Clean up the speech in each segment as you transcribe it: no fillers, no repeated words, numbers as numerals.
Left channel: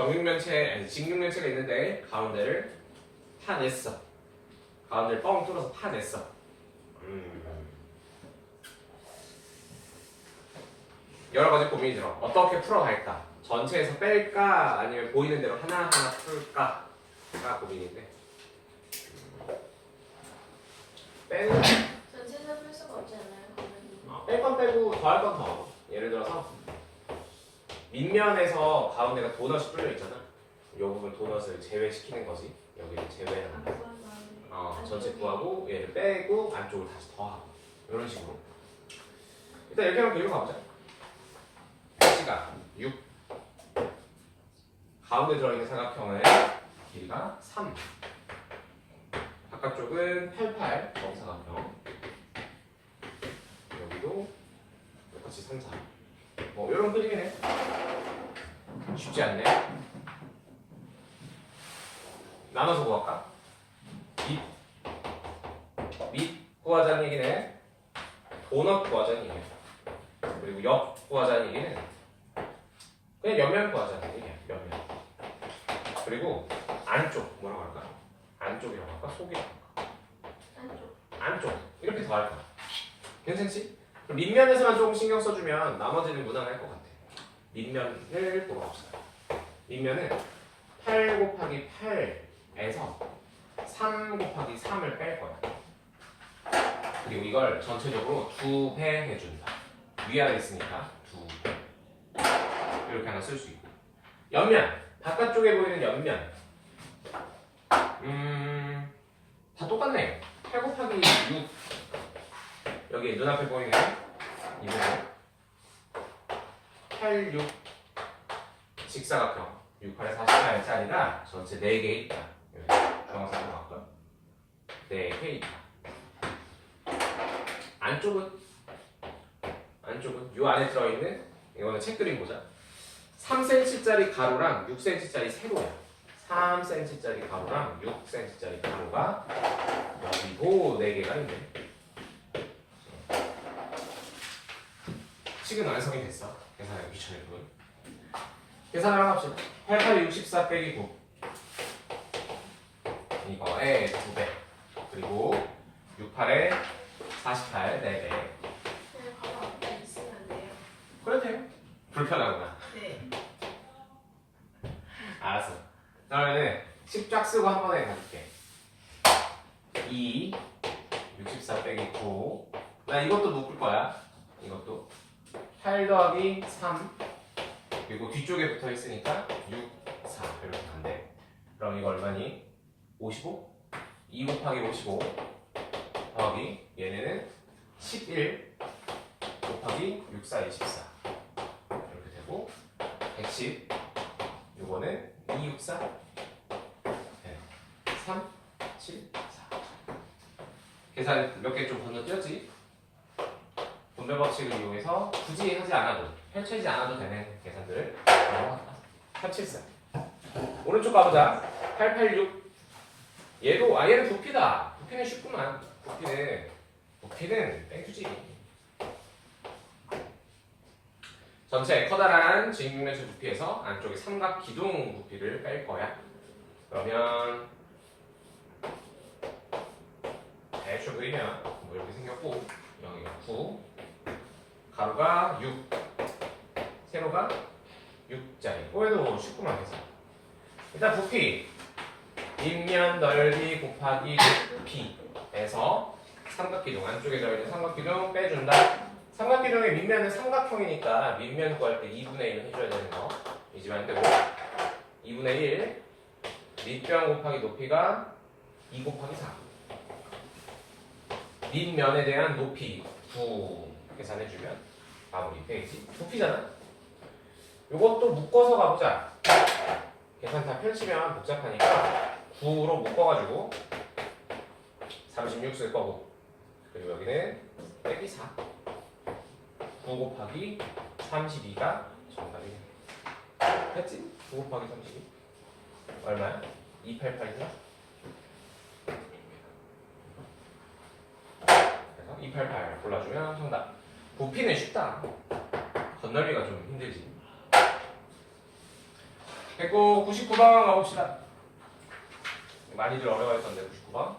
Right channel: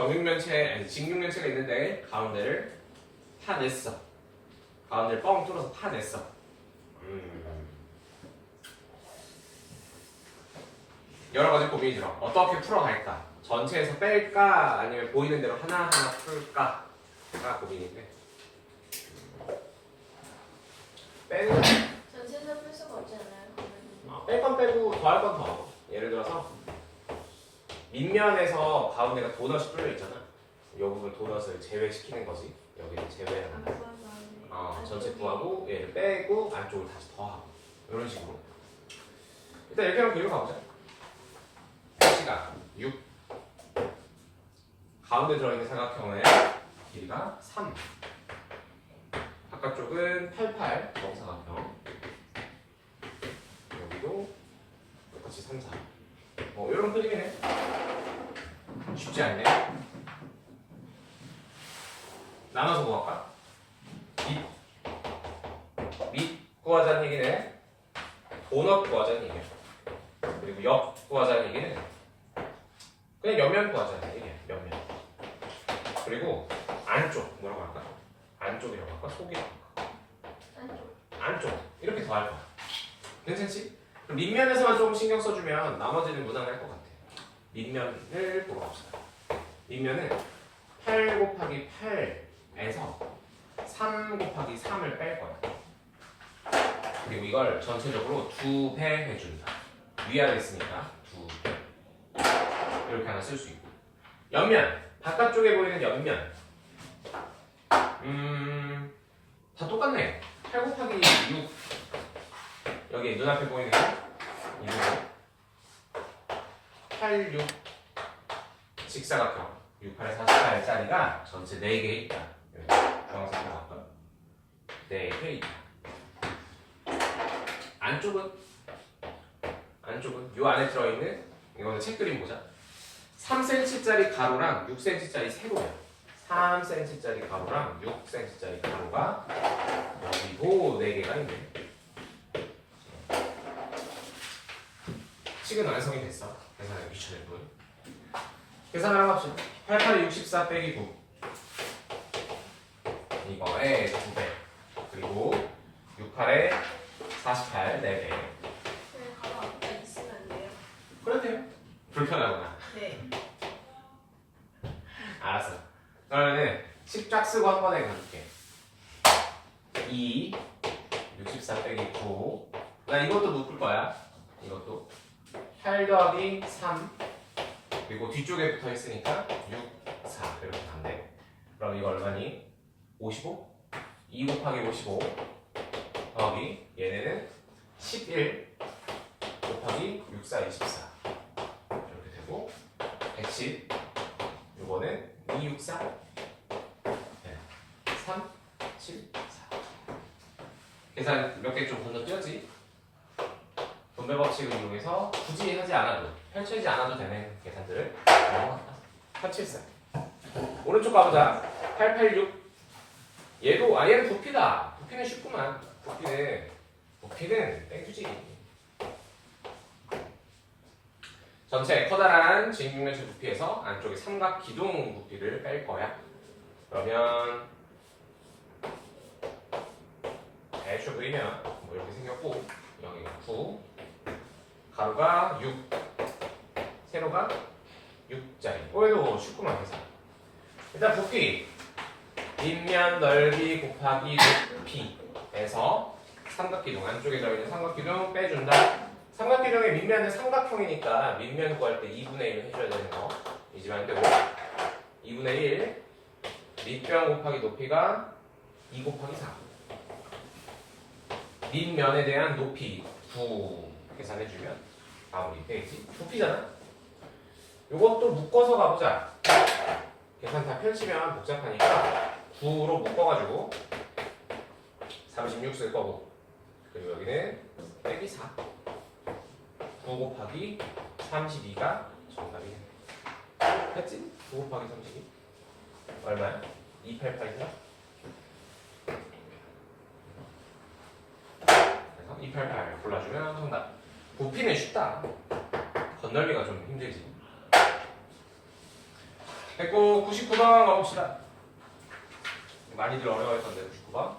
정육면체, 아니 직육면체가 있는데 가운데를 파냈어. 가운데를 뻥 뚫어서 파냈어. 여러 가지 고민이 들어. 어떻게 풀어갈까? 전체에서 뺄까? 아니면 보이는 대로 하나하나 풀까? 가 고민인데. 빼는 전체에서 풀 수가 없지 않아요? 뺄 건 빼고 더할 건 더. 예를 들어서 밑면에서 가운데가 도넛이 뚫려 있잖아. 이 부분 도넛을 제외시키는 거지. 여기를 제외하는 거. 전체 구하고 얘를 빼고 안쪽을 다시 더하고 이런 식으로. 일단 이렇게 하면 길을 가보자. 시가 6. 가운데 들어있는 삼각형의 길이가 3. 바깥쪽은 88 정사각형. 여기도 똑같이 3, 4. 이런 그림이네 쉽지 않네. 나눠서 구할까? 밑 구하자는 얘기네. 도넛 구하자는 얘기네. 그리고 옆 구하자는 얘기는 그냥 옆면 구하자는 얘기야. 옆면. 그리고 안쪽 뭐라고 할까? 안쪽이라고 할까? 속이라고 할까? 안쪽 이렇게 더 할까? 괜찮지? 그럼 밑면에서만 조금 신경 써주면 나머지는 무난할 것 같아. 밑면을 보러 갑시다. 밑면은 8 곱하기 8에서 3 곱하기 3을 뺄 거야. 그리고 이걸 전체적으로 2배 해준다. 위아래 있으니까 2배. 이렇게 하나 쓸 수 있고. 옆면, 바깥쪽에 보이는 옆면. 다 똑같네. 8 곱하기 6. 여기 눈앞에 보이는 이 부분. 8, 6 직사각형 6, 8에 48짜리가 전체 4개 있다. 주황색으로 바꿔. 4개 있다. 안쪽은 요 안에 들어있는 이거는 책 그림 보자. 3cm짜리 가로랑 6cm짜리 세로야. 3cm짜리 가로랑 6cm짜리 가로가 여기고 4개가 있네. 식은 완성이 됐어. 계산하기 귀찮을 뿐. 계산을 해봅시다. 88에 64 빼기 9. 이거에 2배. 그리고 68에 48, 4배. 네, 가로 앞에 있으면 안 돼요? 그래도 돼요. 불편하구나. 네. 알았어. 그러면은 10 쫙 쓰고 한 번에 가줄게. 2, 64 빼기 9. 나 이것도 묶을 거야. 이것도. 8 더하기 3. 그리고 뒤쪽에 붙어 있으니까 6, 4. 이렇게 간대. 그럼 이거 얼마니? 55? 2 곱하기 55 더하기 얘네는 11 곱하기 6, 4, 24. 이렇게 되고 110. 요거는 2, 6, 4. 3, 7, 4. 계산 몇 개 좀 건너뛰었지? 분배 법칙을 이용해서 굳이 하지 않아도, 펼치지 않아도 되는 계산들을 펼칠사. 오른쪽 가보자. 886. 얘는 부피다. 부피는 쉽구만. 부피는 땡큐지. 전체 커다란 직육면체 부피에서 안쪽에 삼각 기둥 부피를 뺄 거야. 그러면 대충 그리면 뭐 이렇게 생겼고, 여기가 9, 가로가 6, 세로가 6짜리. 이거 쉽구만 계산. 일단 부피 밑면 넓이 곱하기 높이에서 삼각기둥, 안쪽에 들어있는 삼각기둥 빼준다. 삼각기둥의 밑면은 삼각형이니까 밑면 구할 때 2분의 1 해줘야 되는 거 잊으면 안 되고, 2분의 1 밑변 곱하기 높이가 2 곱하기 4. 밑면에 대한 높이 9 계산해주면 마무리 되겠지. 부피잖아. 요것도 묶어서 가보자. 계산 다 펼치면 복잡하니까 9로 묶어가지고 36 쓸 거고, 그리고 여기는 빼기 4. 9 곱하기 32가 정답이네. 됐지? 9 곱하기 32 얼마야? 288이야? 그래서 288 골라주면 정답. 부피는 쉽다. 건널기가 좀 힘들지. 됐고 99번 가봅시다. 많이들 어려워했던데 99번.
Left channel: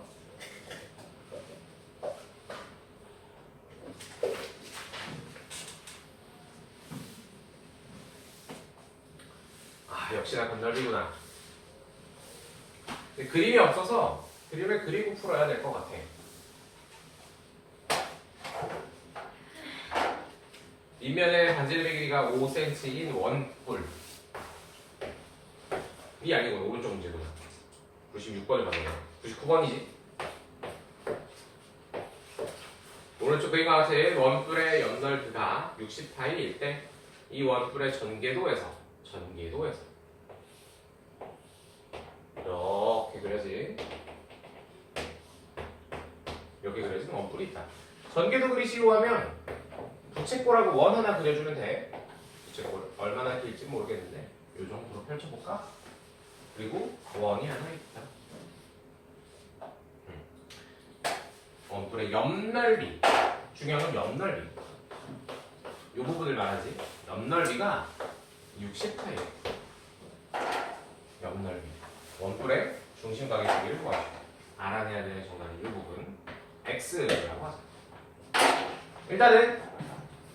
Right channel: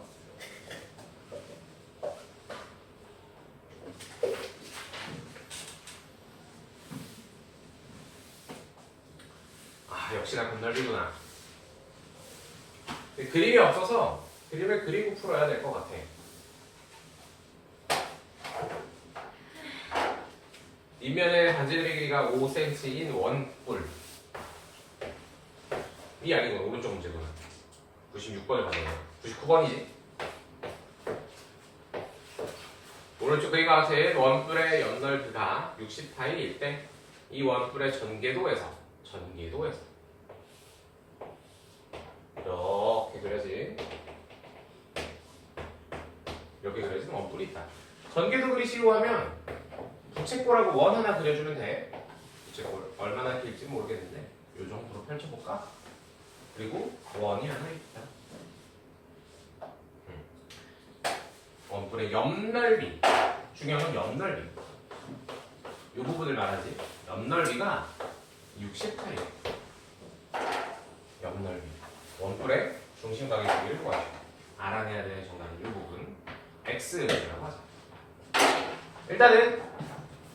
아 역시나 건널비구나. 그림이 없어서 그림을 그리고 풀어야 될 것 같아. 윗면의 반지름의 길이가 5cm인 원뿔. 이 아니고 오른쪽 문제구나. 96번을 받았네. 99번이지. 오른쪽 그림과 같은 원뿔의 옆넓이가 60파일 때 이 원뿔의 전개도에서 이렇게 그려진 이렇게 그려진 원뿔이 있다. 전개도 그리시고 하면 부채꼴하고 원 하나 그려주면 돼. 부채꼴 얼마나 길지 모르겠는데 이 정도로 펼쳐볼까? 그리고 원이 하나 있다. 원뿔의 옆넓이. 중요한 건 옆넓이. 이 부분을 말하지. 옆넓이가 60파예요. 옆넓이. 원뿔의 중심각의 크기를 구하죠. 알아내야 되는 정답은 이 부분. X라고 하죠. 일단은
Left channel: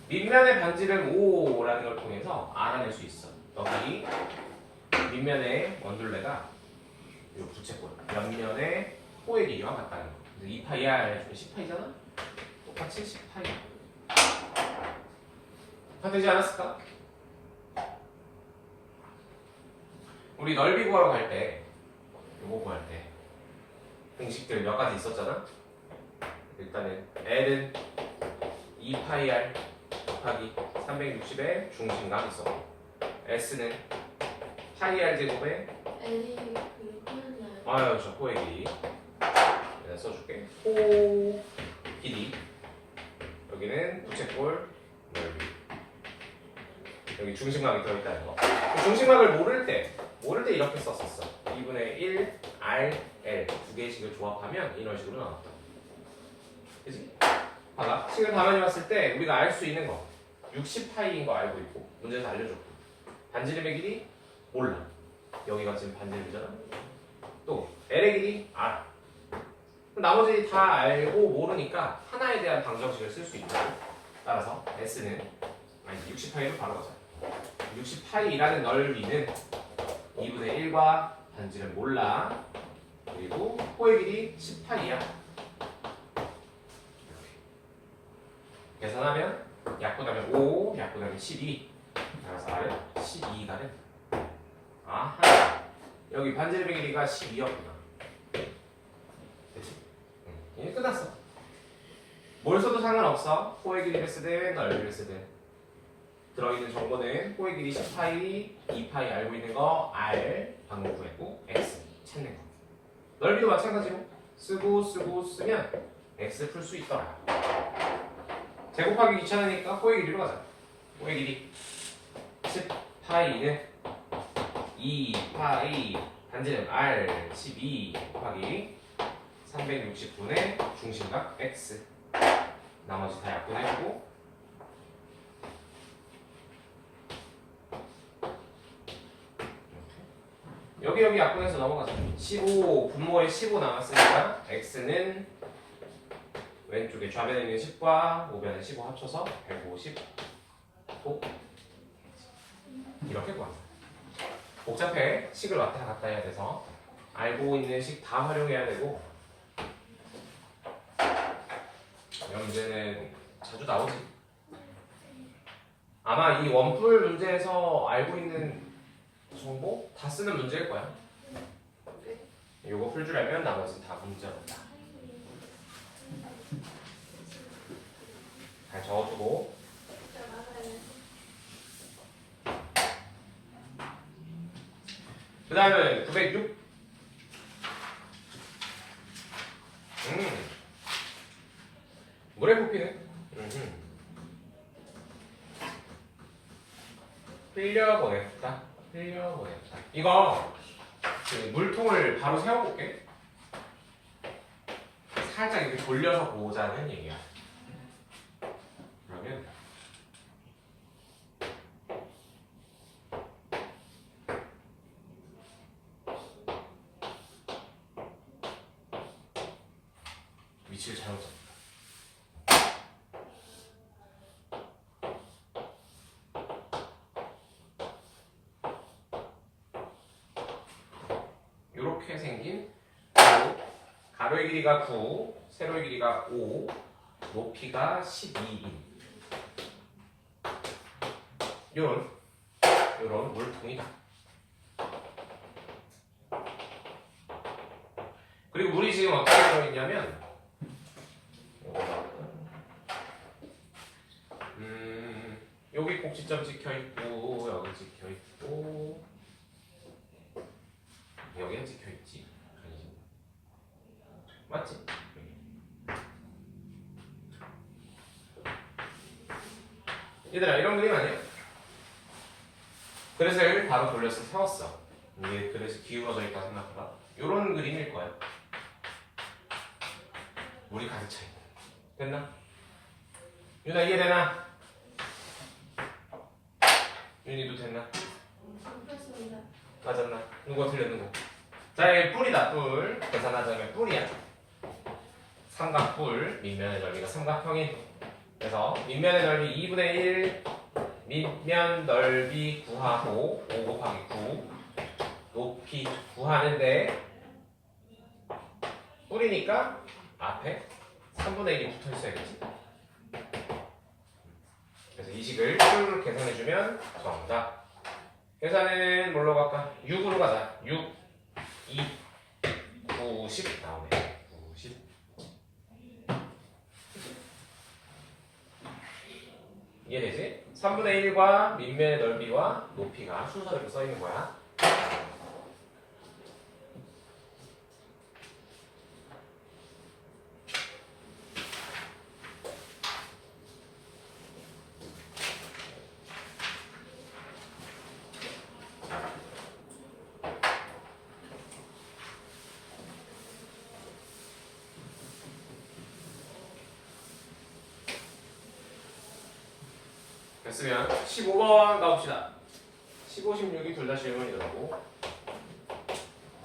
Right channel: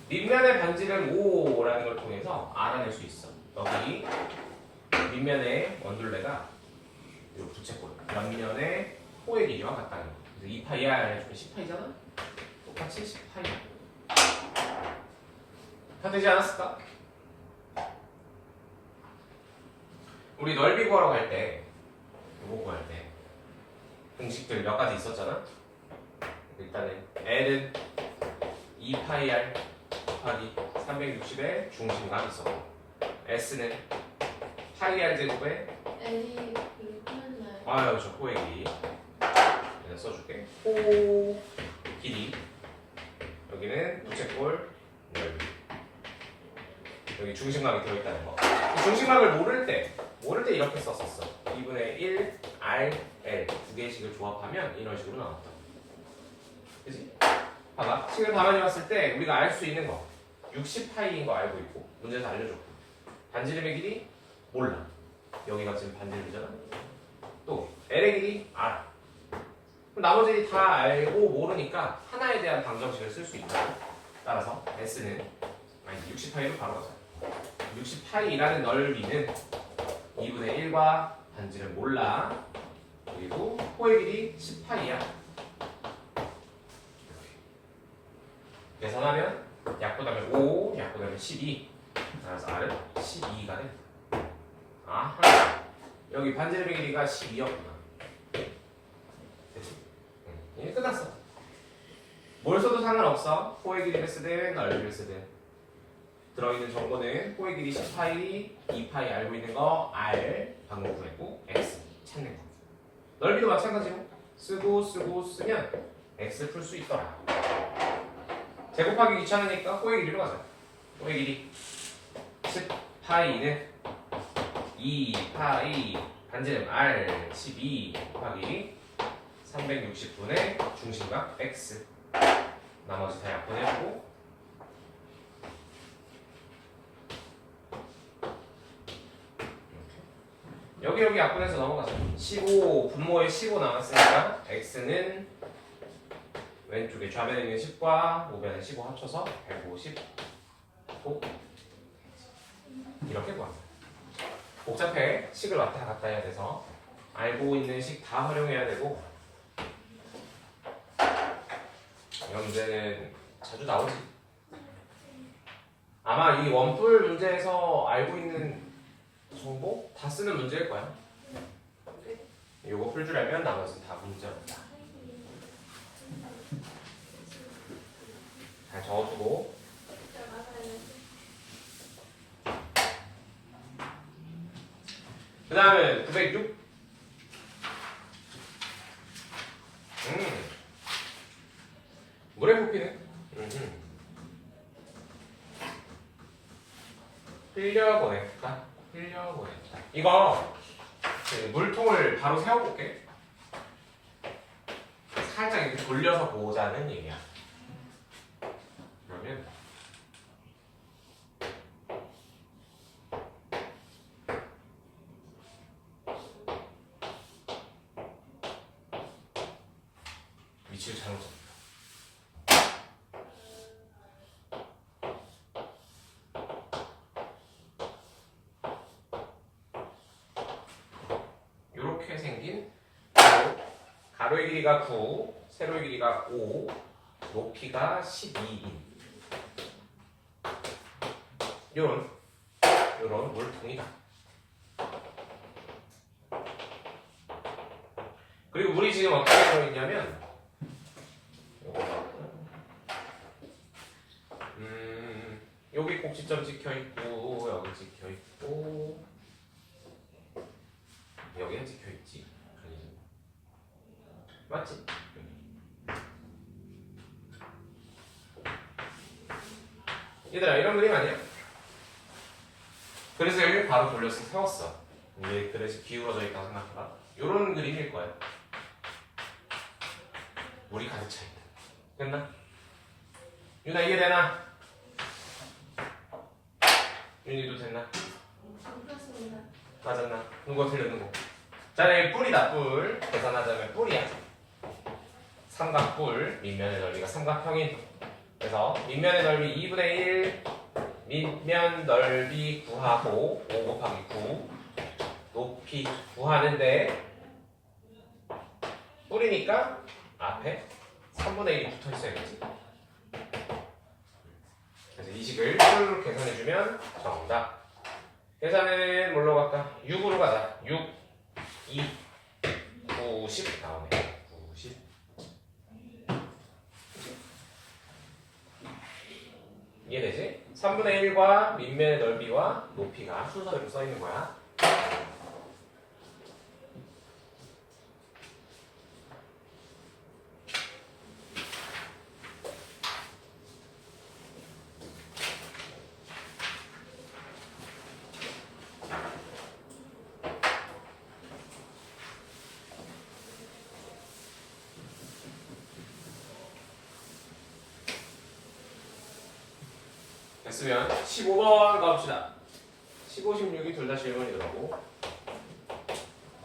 밑면의 반지름 5라는 걸 통해서 알아낼 수 있어. 여기 밑면의 원둘레가 이 부채꼴, 옆면의 호의 길이와 같다는 거. 그래서 2파이야 해주면 10파이잖아? 똑같이 10파이. 다 되지 않았을까? 우리 넓이 구하러 갈 때, 요거 구할 때 공식들 몇 가지 있었잖아? 일단은 L은 2파이R 곱하기 360의 중심각 있었고 S는 파이R 제곱에 L이 그리고 풀렸나요? 아유 저 호의 길이 여기다 써줄게. 호 길이 여기는 부채꼴 넓이 여기 중심각이 들어있다는 거. 중심각을 모를 때 이렇게 썼었어. 2분의 1 R L 두 개씩을 조합하면 이런 식으로 나왔다. 그치? 봐봐. 식을 가만히 봤을 때 우리가 알 수 있는 거 60파이인 거 알고 있고 문제에서 알려줬고 반지름의 길이 몰라. 여기가 지금 반지름이잖아. 또 L의 길이 알아. 그럼 나머지 다 알고 모르니까 하나에 대한 방정식을 쓸 수 있다. 따라서 S는 60파이로 바로 가자. 60파이라는 넓이는 2분의 1과 반지름 몰라. 그리고 호의 길이 10파이야. 계산하면 약분하면 5, 약분하면 12. 따라서 R은 12가 돼. 아하. 여기 반지름의 길이가 12였구나. 됐지? 이제 끝났어. 뭘 써도 상관없어. 호의 길이를 쓰든 넓이를 쓰든. 들어있는 정보는 호의 길이 10파이, 2파이 알고 있는 거 R 방금 구했고 X 찾는 거. 넓이도 마찬가지로 쓰고 쓰면 X 풀 수 있더라. 제곱하기 귀찮으니까 호의 길이로 가자. 호의 길이 10파이는 2파이 반지름 R 12 곱하기 360분의 중심각 X 나머지 다 약분해주고 여기 약분해서 넘어가자. 15 분모에 15 남았으니까 X는 왼쪽에 좌변에 있는 10과 우변에 15 합쳐서 150 이렇게 구합니다. 복잡해. 식을 왔다 갔다 해야 돼서 알고 있는 식 다 활용해야 되고 이런 문제는 자주 나오지. 아마 이 원뿔 문제에서 알고 있는 정보 다 쓰는 문제일 거야. 이거 풀주려면 나머지 다 문제보다 잘 적어두고 그 다음에 906 물에 붓기는 흘려보냈다. 이거 그 물통을 바로 세워볼게. 살짝 이렇게 돌려서 보자는 얘기야. 그러면 위치를 잘못 잡았다. 이렇게 생긴 가로의 길이가 9, 세로의 길이가 5, 높이가 12인 요런 물통이다. 그리고 물이 지금 어떻게 되어 있냐면 여기 꼭지점 찍혀 있고 여기 찍혀 있고 여기는 찍혀 있지. 맞지? 얘들아 이런 그림 아니야? 그릇을 바로 돌려서 세웠어. 이게 그릇이 기울어져 있다 생각해봐. 이런 그림일 거야. 물이 가득 차 있다. 됐나? 윤아 이게 되나? 윤이도 됐나? 그렇습니다. 맞았나? 누가 틀렸는 거? 자, 여기 뿔이다, 뿔. 계산하자면 뿔이야. 삼각뿔, 밑면의 넓이가 삼각형인. 그래서 밑면의 넓이 2분의 1, 밑면 넓이 구하고 5 곱하기 9, 높이 구하는데 뿔이니까 앞에 3분의 1이 붙어 있어야겠지. 그래서 이 식을 뿔로 계산해주면 정답. 계산은 뭘로 갈까? 6으로 가자. 6, 2, 90 나오네. 90. 이해되지? 3분의 1과 밑면의 넓이와 높이가 순서대로 써있는 거야. 됐으면 15번 가봅시다. 15, 16이 둘 다 질문이더라고.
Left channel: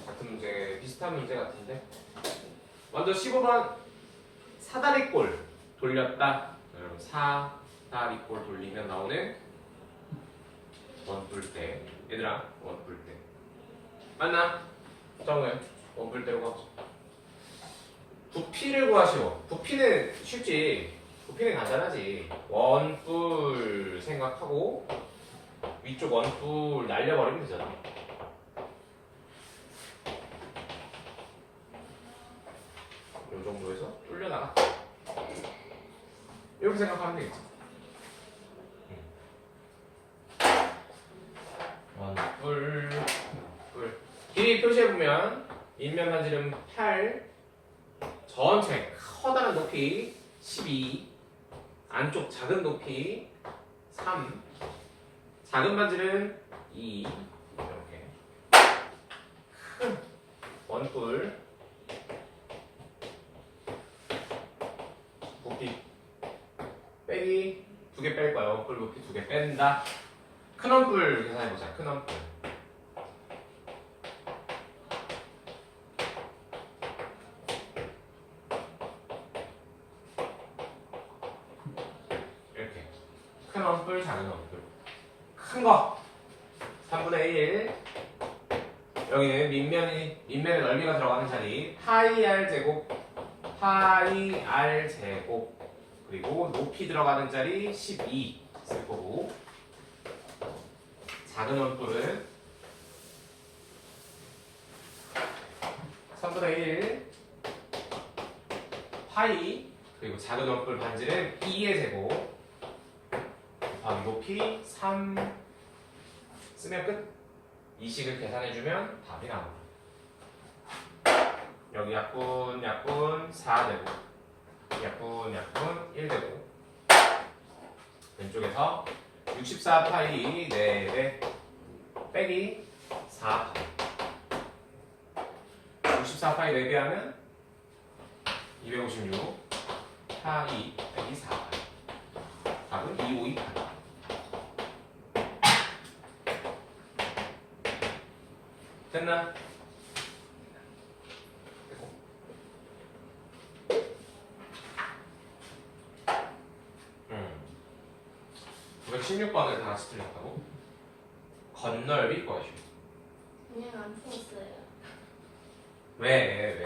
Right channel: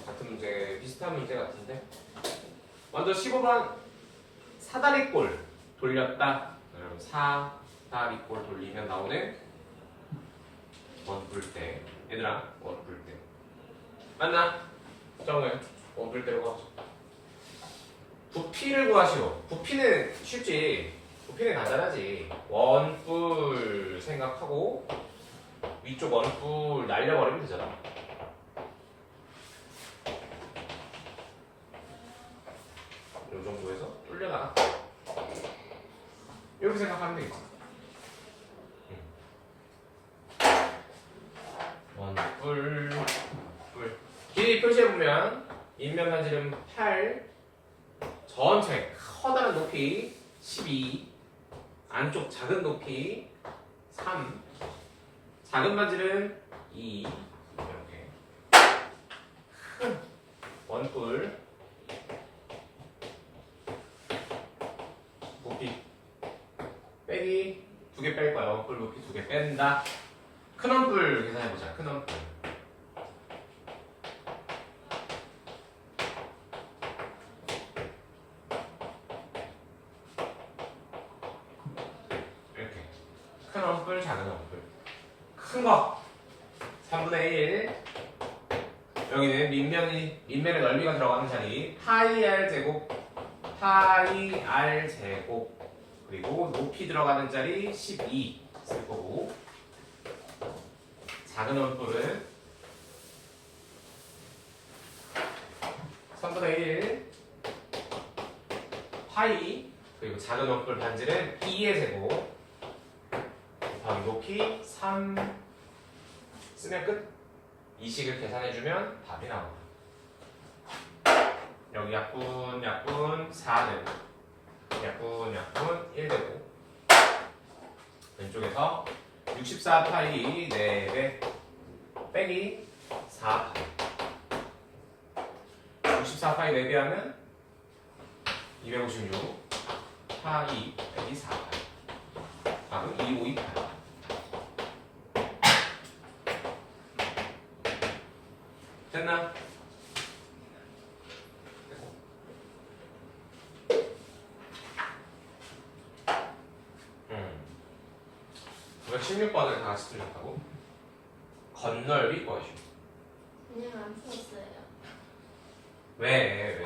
같은 문제, 비슷한 문제 같은데. 먼저 15번 사다리꼴 돌렸다. 여러분 사다리꼴 돌리면 나오는 원뿔대. 얘들아 원뿔대. 맞나? 정우야 원뿔대로 가보자. 부피를 구하시오. 부피는 쉽지. 부피는 간단하지. 원뿔 생각하고 위쪽 원뿔 날려버리면 되잖아. 이 정도에서 뚫려나가. 이렇게 생각하면 되겠지. 원뿔 뿔. 길이 표시해보면 인면 반지름 8, 전체 커다란 높이 12, 안쪽 작은 높이 3, 작은 반지름 2, 이렇게 큰 원뿔 높이 빼기 2개 뺄 거야. 원뿔 높이 2개 뺀다. 큰 원뿔 계산해보자. 큰 원뿔 큰 원뿔, 작은 원뿔. 큰 거 3분의 1. 여기는 밑면의 넓이가 들어가는 자리 파이 r 제곱, 파이 r 제곱. 그리고 높이 들어가는 자리 12 쓸 거고. 작은 원뿔은 3분의 1 파이, 그리고 작은 원뿔 반지는 2의 제곱 높이 3 쓰면 끝. 이 식을 계산해주면 답이 나온다. 여기 약분 4 되고 약분 1 되고 왼쪽에서 64 파이 4배 빼기 4 64 파이 4배 하면 256 파이 빼기 4 답은 2528. 됐나? 916번을 다 같이 틀렸다고? 건널비 구하시오. 그냥 안 풀었어요. 왜?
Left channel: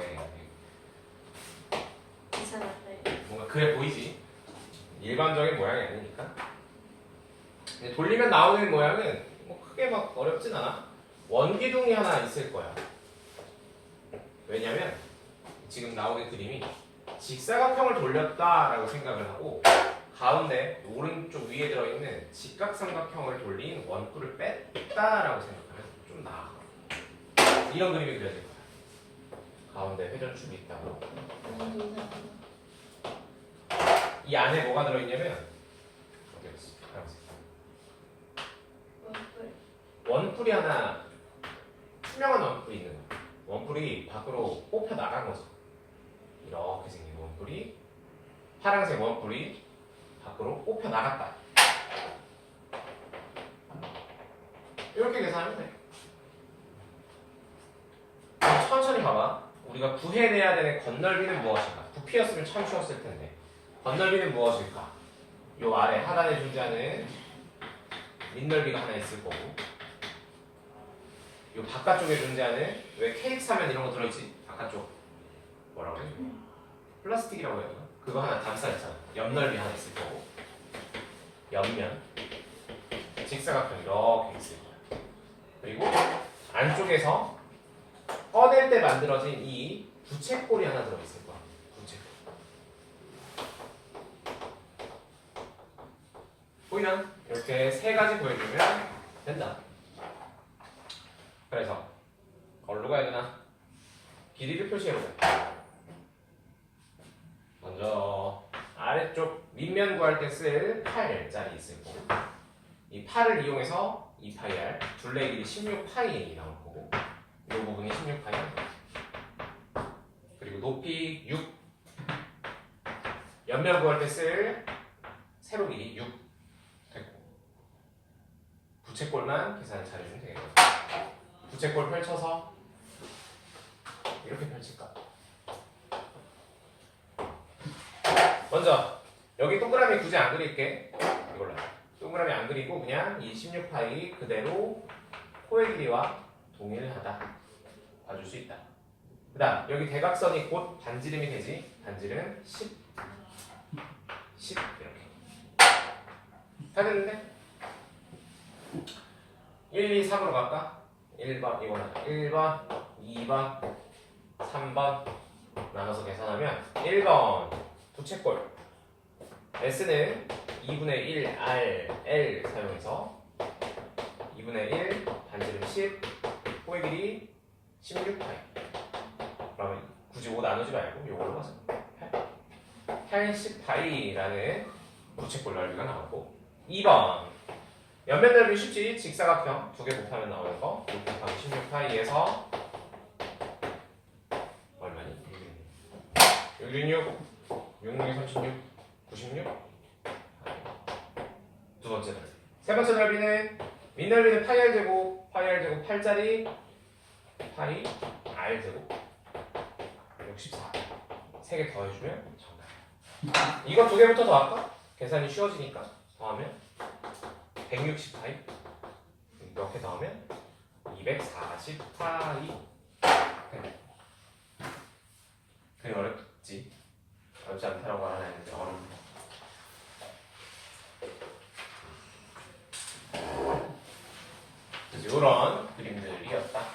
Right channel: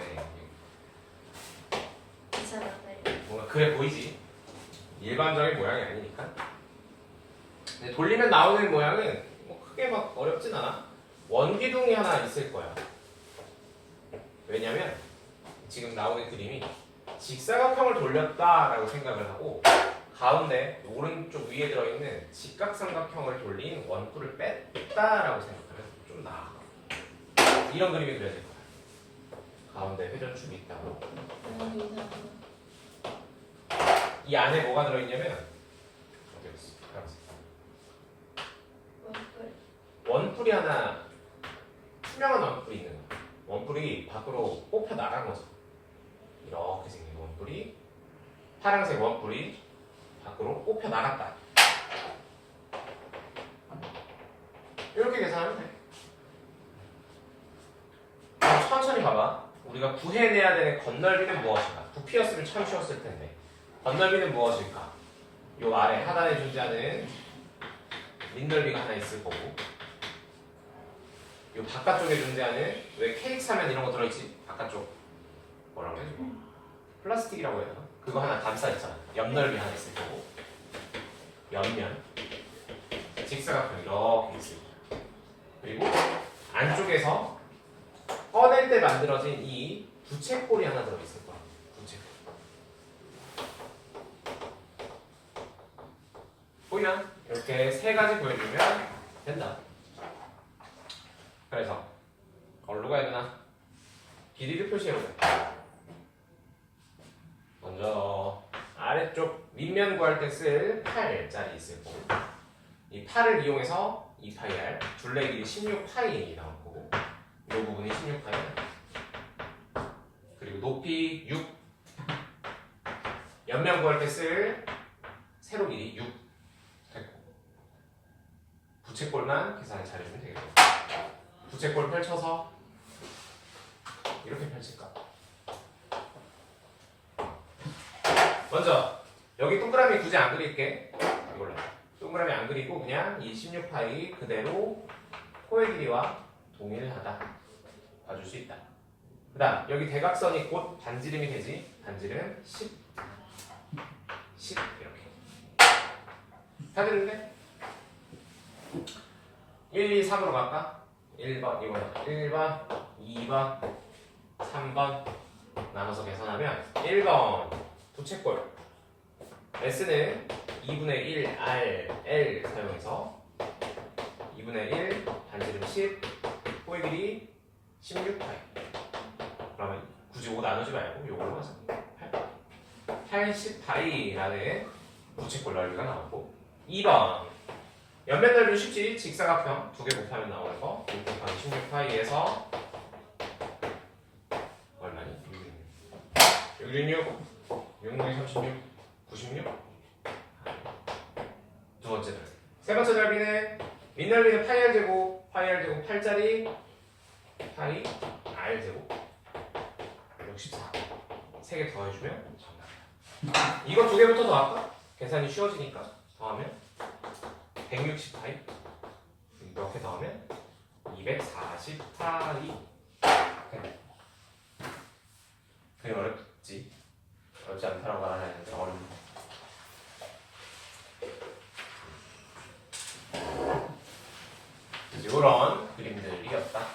괜찮았어요. 뭔가 그래 보이지? 일반적인 모양이 아니니까. 근데 돌리면 나오는 모양은 뭐 크게 막 어렵진 않아. 원기둥이 하나 있을 거야. 왜냐면 지금 나오는 그림이 직사각형을 돌렸다라고 생각을 하고 가운데 오른쪽 위에 들어있는 직각삼각형을 돌린 원뿔을 뺐다라고 생각하면 좀 나아. 이런 그림이 그려질 거야. 가운데 회전축이 있다고. 이 안에 뭐가 들어있냐면 여기 있어. 원뿔이 하나 투명한 원뿔이 있는 거야. 원뿔이 밖으로 뽑혀 나간 거죠. 이렇게 생긴 원뿔이 파란색 원뿔이 밖으로 뽑혀 나갔다. 이렇게 계산하면 돼. 천천히 봐봐. 우리가 구해내야 되는 건널비는 무엇일까? 부피였으면 참 쉬웠을 텐데. 건널비는 무엇일까? 요 아래 하단에 존재하는 밑넓이가 하나 있을 거고, 요 바깥쪽에 존재하는 왜 케이크 사면 이런 거 들어있지? 바깥쪽 뭐라고 해야 되지? 플라스틱이라고 해야 되나? 그거 하나 감싸 있잖아. 옆넓이 하나 있을 거고, 옆면 직사각형 이렇게 있을 거야. 그리고 안쪽에서 꺼낼 때 만들어진 이 부채꼴이 하나 들어있을 거야. 부채꼴. 보이나? 이렇게 세 가지 보여주면 된다. 그래서 어디로 가야 되나? 길이를 표시해보자. 먼저 아래쪽 윗면 구할 때 쓸 8짜리 있을 거고, 이 8을 이용해서 2파이r 둘레 길이 16파이 나올 거고, 이 부분이 16파이. 그리고 높이 6. 옆면 구할 때 쓸 세로 길이 6 됐고, 부채꼴만 계산을 잘해주면 되겠죠. 부채꼴 펼쳐서 이렇게 펼칠까? 먼저 여기 동그라미 굳이 안 그릴게. 이걸로 동그라미 안 그리고 그냥 이 16파이 그대로 코의 길이와 동일하다 봐줄 수 있다. 그 다음 여기 대각선이 곧 반지름이 되지. 반지름 10 이렇게 다 됐는데 1, 2, 3으로 갈까? 1번 이거는 1번 2번 3번 나눠서 계산하면 1번 부채꼴 S는 2분의 1 R, L 사용해서 2분의 1 반지름 10 코의 길이 16파이. 그러면 굳이 5 나누지 말고 요걸로 가자. 80파이라는 부채꼴 넓이가 나오고, 2번 옆면 넓이 쉽지. 직사각형 두 개 곱하면 나오는 거 6 곱하기 16파이에서 얼마니? 666 66 36 96 두 번째 넓이. 세 번째 넓이는 밑넓이는 파이 r 제곱 8짜리 파이 r 제곱 64. 세 개 더해주면 정답이야. 이거 두 개부터 더할까? 계산이 쉬워지니까 더하면 160파이. 이렇게 더하면 240파이. 그림 어렵지? 어렵지 않다라고 말하는 어려운. 이런 그림들이었다.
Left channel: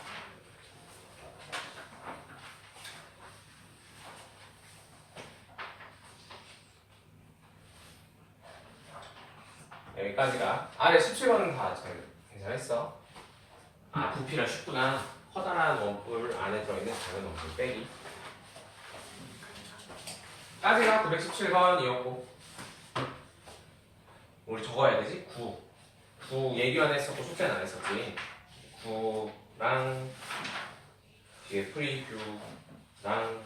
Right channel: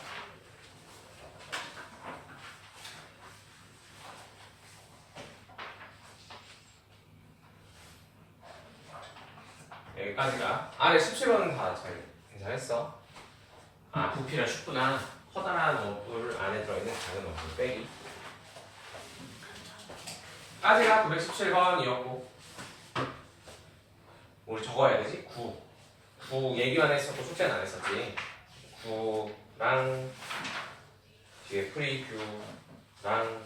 여기까지가 아래 17번은 다 잘 계산했어. 아 부피가 쉽구나. 커다란 원뿔 안에 들어있는 작은 원뿔 빼기. 까지가 917번이었고 우리 적어야 되지? 9 얘기만 했었고 숙제는 안 했었지. 9랑 뒤에 프리뷰랑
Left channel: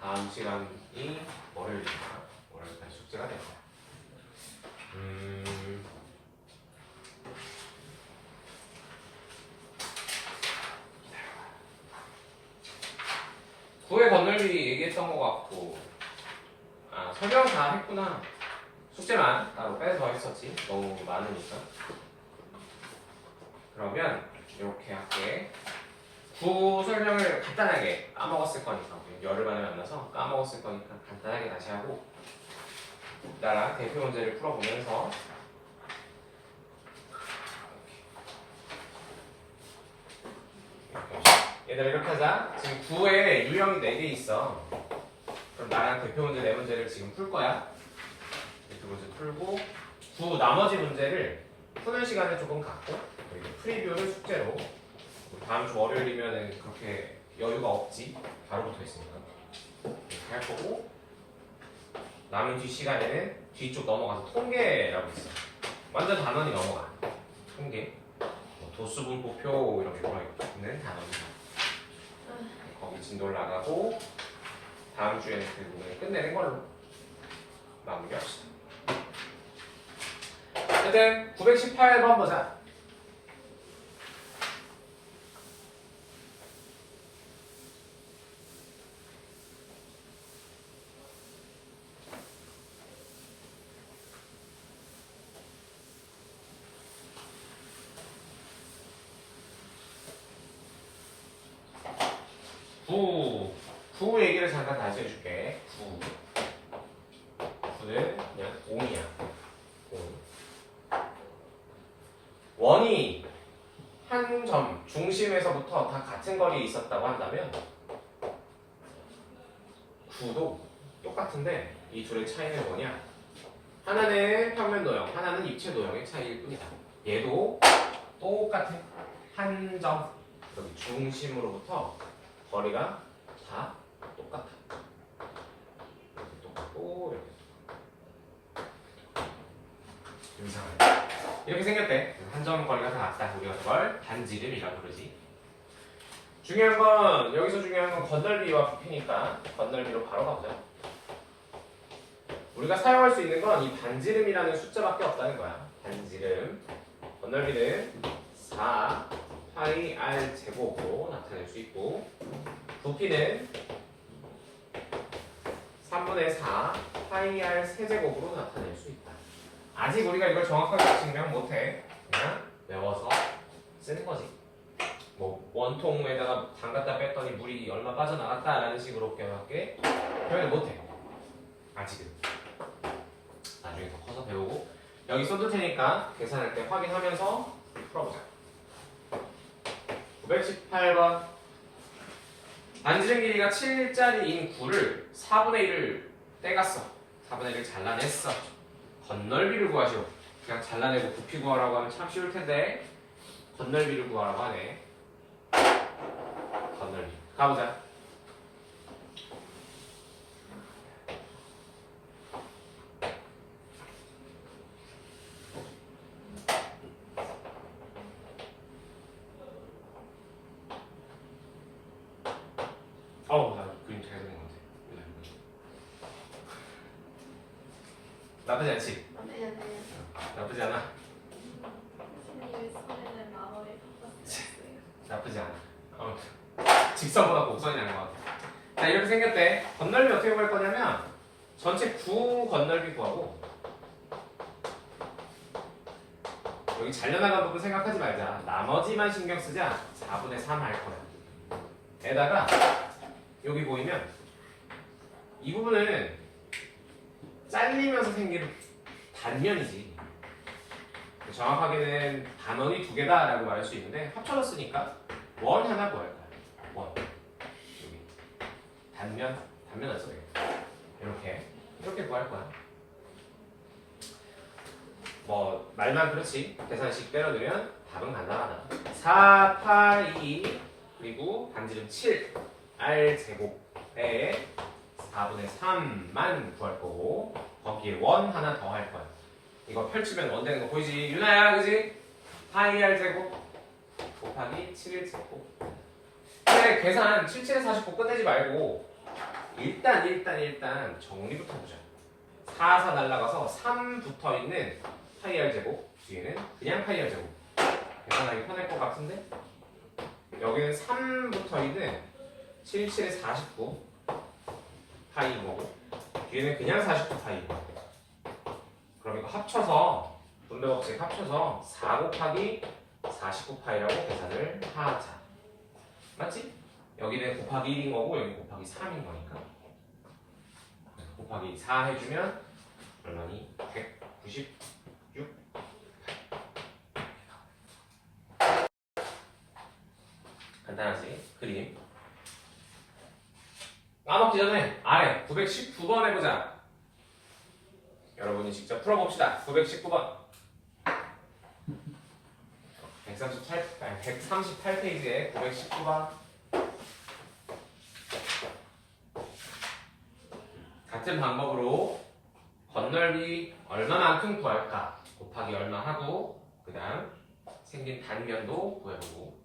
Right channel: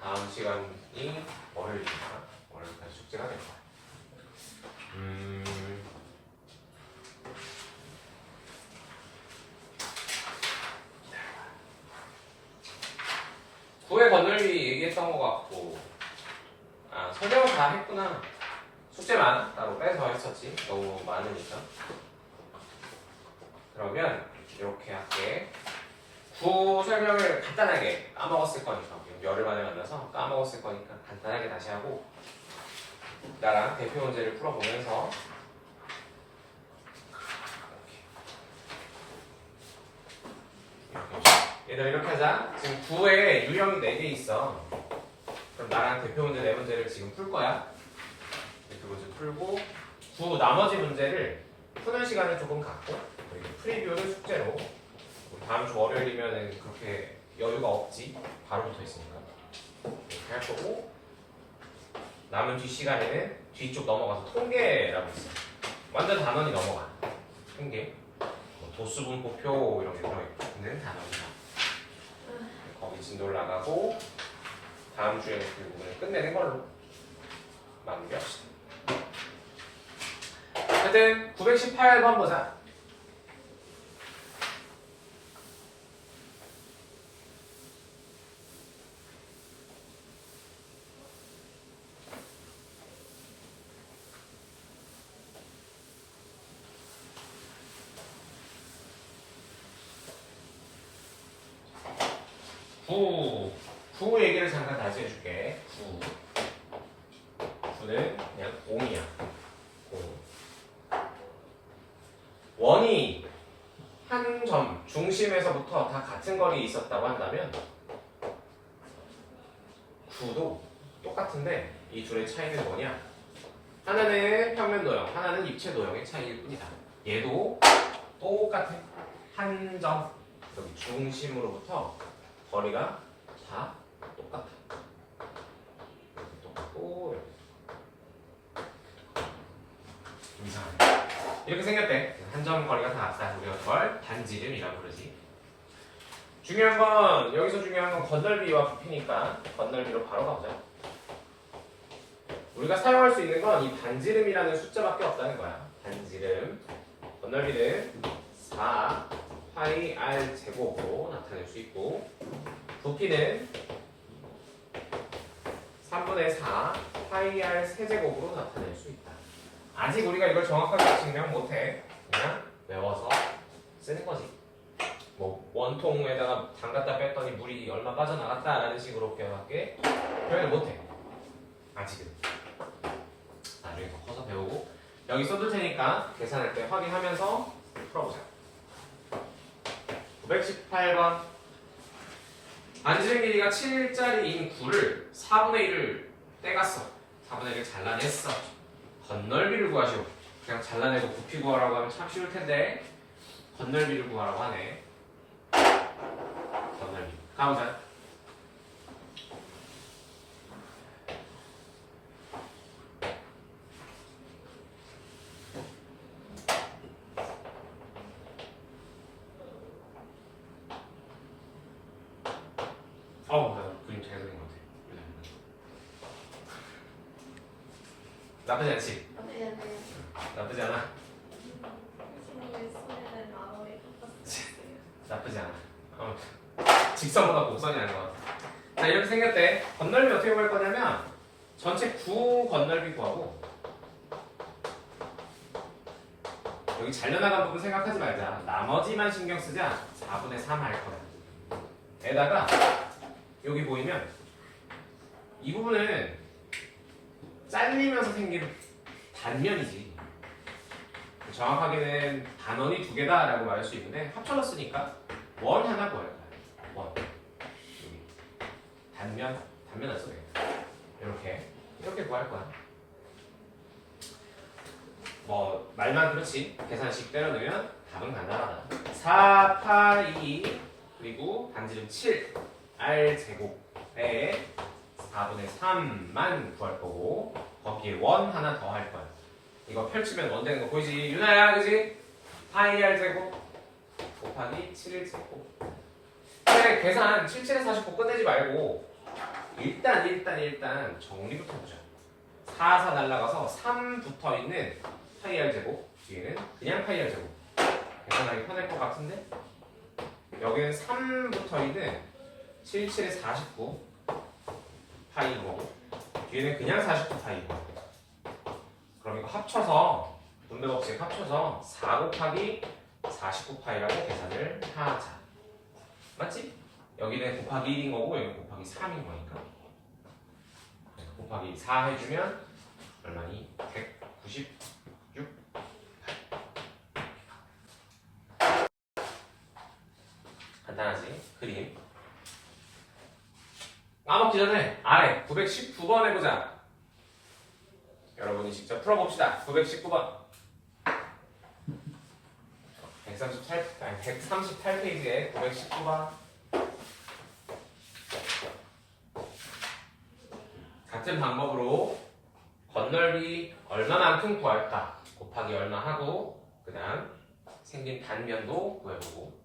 다음 시간이 월요일이니까 월요일까지 숙제가 될 거야. 9의 건널비 얘기했던 것 같고, 아 설명 다 했구나. 숙제만 따로 빼서 했었지. 너무 많으니까. 그러면 이렇게 할게. 구 설명을 간단하게 까먹었을 거니까 열흘 만에 만나서 까먹었을 거니까 간단하게 다시 하고 나랑 대표 문제를 풀어보면서 얘들아 이렇게 하자. 지금 9에 유형이 4개 있어. 그럼 나랑 대표 문제 4문제를 지금 풀 거야. 대표 문제 풀고 9 나머지 문제를 푸는 시간을 조금 갖고 그리고 프리뷰를 숙제로 다음 주 월요일이면 그렇게 여유가 없지. 바로 붙어 있으니까 이렇게 할 거고 남은 뒤 시간에는 뒤쪽 넘어가서 통계라고 있어. 완전 단원이 넘어가. 통계 뭐 도수분포표 이런 게 들어있는 단원이다. 거기 진도를 나가고 다음 주에는 그 부분을 끝내는 걸로 마무리합시다. 하여튼 918번 보자. 구 얘기를 잠깐 다시 해줄게. 구는 그냥 옹이야. 원이 한 점 중심에서부터 다 같은 거리에 있었다고 한다면 구도 똑같은데 이 둘의 차이는 뭐냐? 하나는 평면 도형, 하나는 입체 도형의 차이일 뿐이다. 얘도 똑같은 한 점 여기 중심으로부터 거리가 다 똑같아. 이렇게 똑같고 이렇게 이상하네. 이렇게 생겼대. 한 점 거리가 다 같다. 우리가 그걸 반지름이라고 부르지. 중요한 건 여기서 중요한 건 건널비와 부피니까 건널비로 바로 가보자. 우리가 사용할 수 있는 건 이 반지름이라는 숫자밖에 없다는 거야. 반지름. 건널비는 4 파이 r 제곱으로 나타낼 수 있고 부피는 3분의 4 파이 r 세제곱으로 나타낼 수 있다. 아직 우리가 이걸 정확하게 증명 못해. 그냥 외워서 쓰는 거지. 뭐 원통에다가 담갔다 뺐더니 물이 얼마 빠져나갔다라는 식으로 표현할게 표현을 못해. 아직은. 나중에 더 커서 배우고 여기 써둘 테니까 계산할 때 확인하면서 풀어보자. 918번 반지름 길이가 7짜리인 9를 4분의 1을 떼갔어. 4분의 1을 잘라냈어. 건널비를 구하시오. 그냥 잘라내고 부피 구하라고 하면 참 쉬울 텐데 건널비를 구하라고 하네. 건널비 가보자. 나 그림 잘 그린 것 같아. 나쁘지 않지? 나쁘지 않아? 친구의 손에는 마음을 바꿨어요. 나쁘지 않아. 직선보다 곡선이 아닌 것 같아. 자, 이렇게 생겼대. 건널비 어떻게 구할 거냐면 전체 9 건널비 구하고 여기 잘려나간 부분 생각하지 말자. 나머지만 신경 쓰자. 4분의 3 할 거야. 에다가 여기 보이면 이 부분은 잘리면서 생긴 단면이지. 정확하게는 단원이 2개다라고 말할 수 있는데 합쳐졌으니까 원 하나 구할 거야. 원. 여기. 단면 안 써요. 이렇게 구할 거야. 뭐 말만 그렇지 계산식 때려넣으면 답은 간단하다. 4, 8, 2 그리고 반지름 7 r 제곱에 4분의 3만 구할 거고 거기에 원 하나 더 할 거야. 이거 펼치면 원 되는 거 보이지? 유나야 그지? 파이 r 제곱 곱하기 7 제곱. 근데 계산 7, 7에 49 끝내지 말고 일단 정리부터 보자. 4가 날라가서 3 붙어있는 파이 r 제곱 뒤에는 그냥 파이 r 제곱 계산하기 편할 것 같은데 여기는 3 붙어있는 7, 7에 49 파이고 뒤에는 그냥 49 파이고 그럼 이거 합쳐서 분배 법칙 합쳐서 4 곱하기 49파이라고 계산을 하자. 맞지? 여기는 곱하기 1인 거고 여기 곱하기 3인 거니까 곱하기 4 해주면 얼마니? 196. 간단하지? 그림 까먹기 전에 아래 919번 해보자. 여러분이 직접 풀어봅시다. 919번 138페이지에 919번 같은 방법으로 건널비 얼마만큼 구할까 곱하기 얼마 하고 그 다음 생긴 단면도 구해보고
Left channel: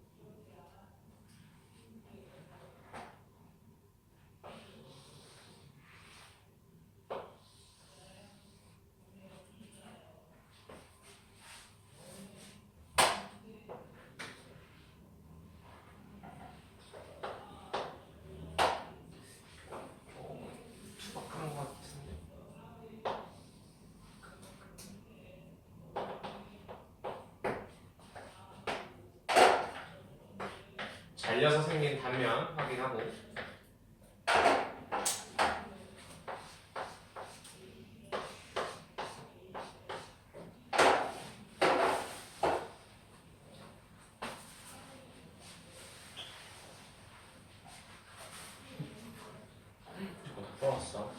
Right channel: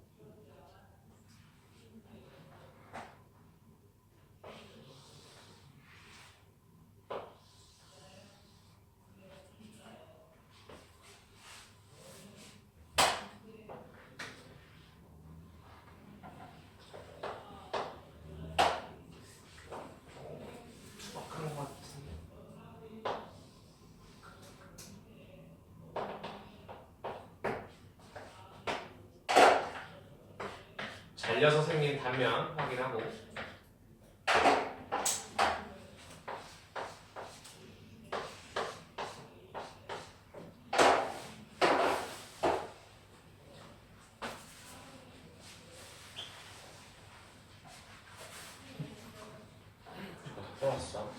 투박한 것 같은데 잘려서 생긴 단면 확인하고 풀었어.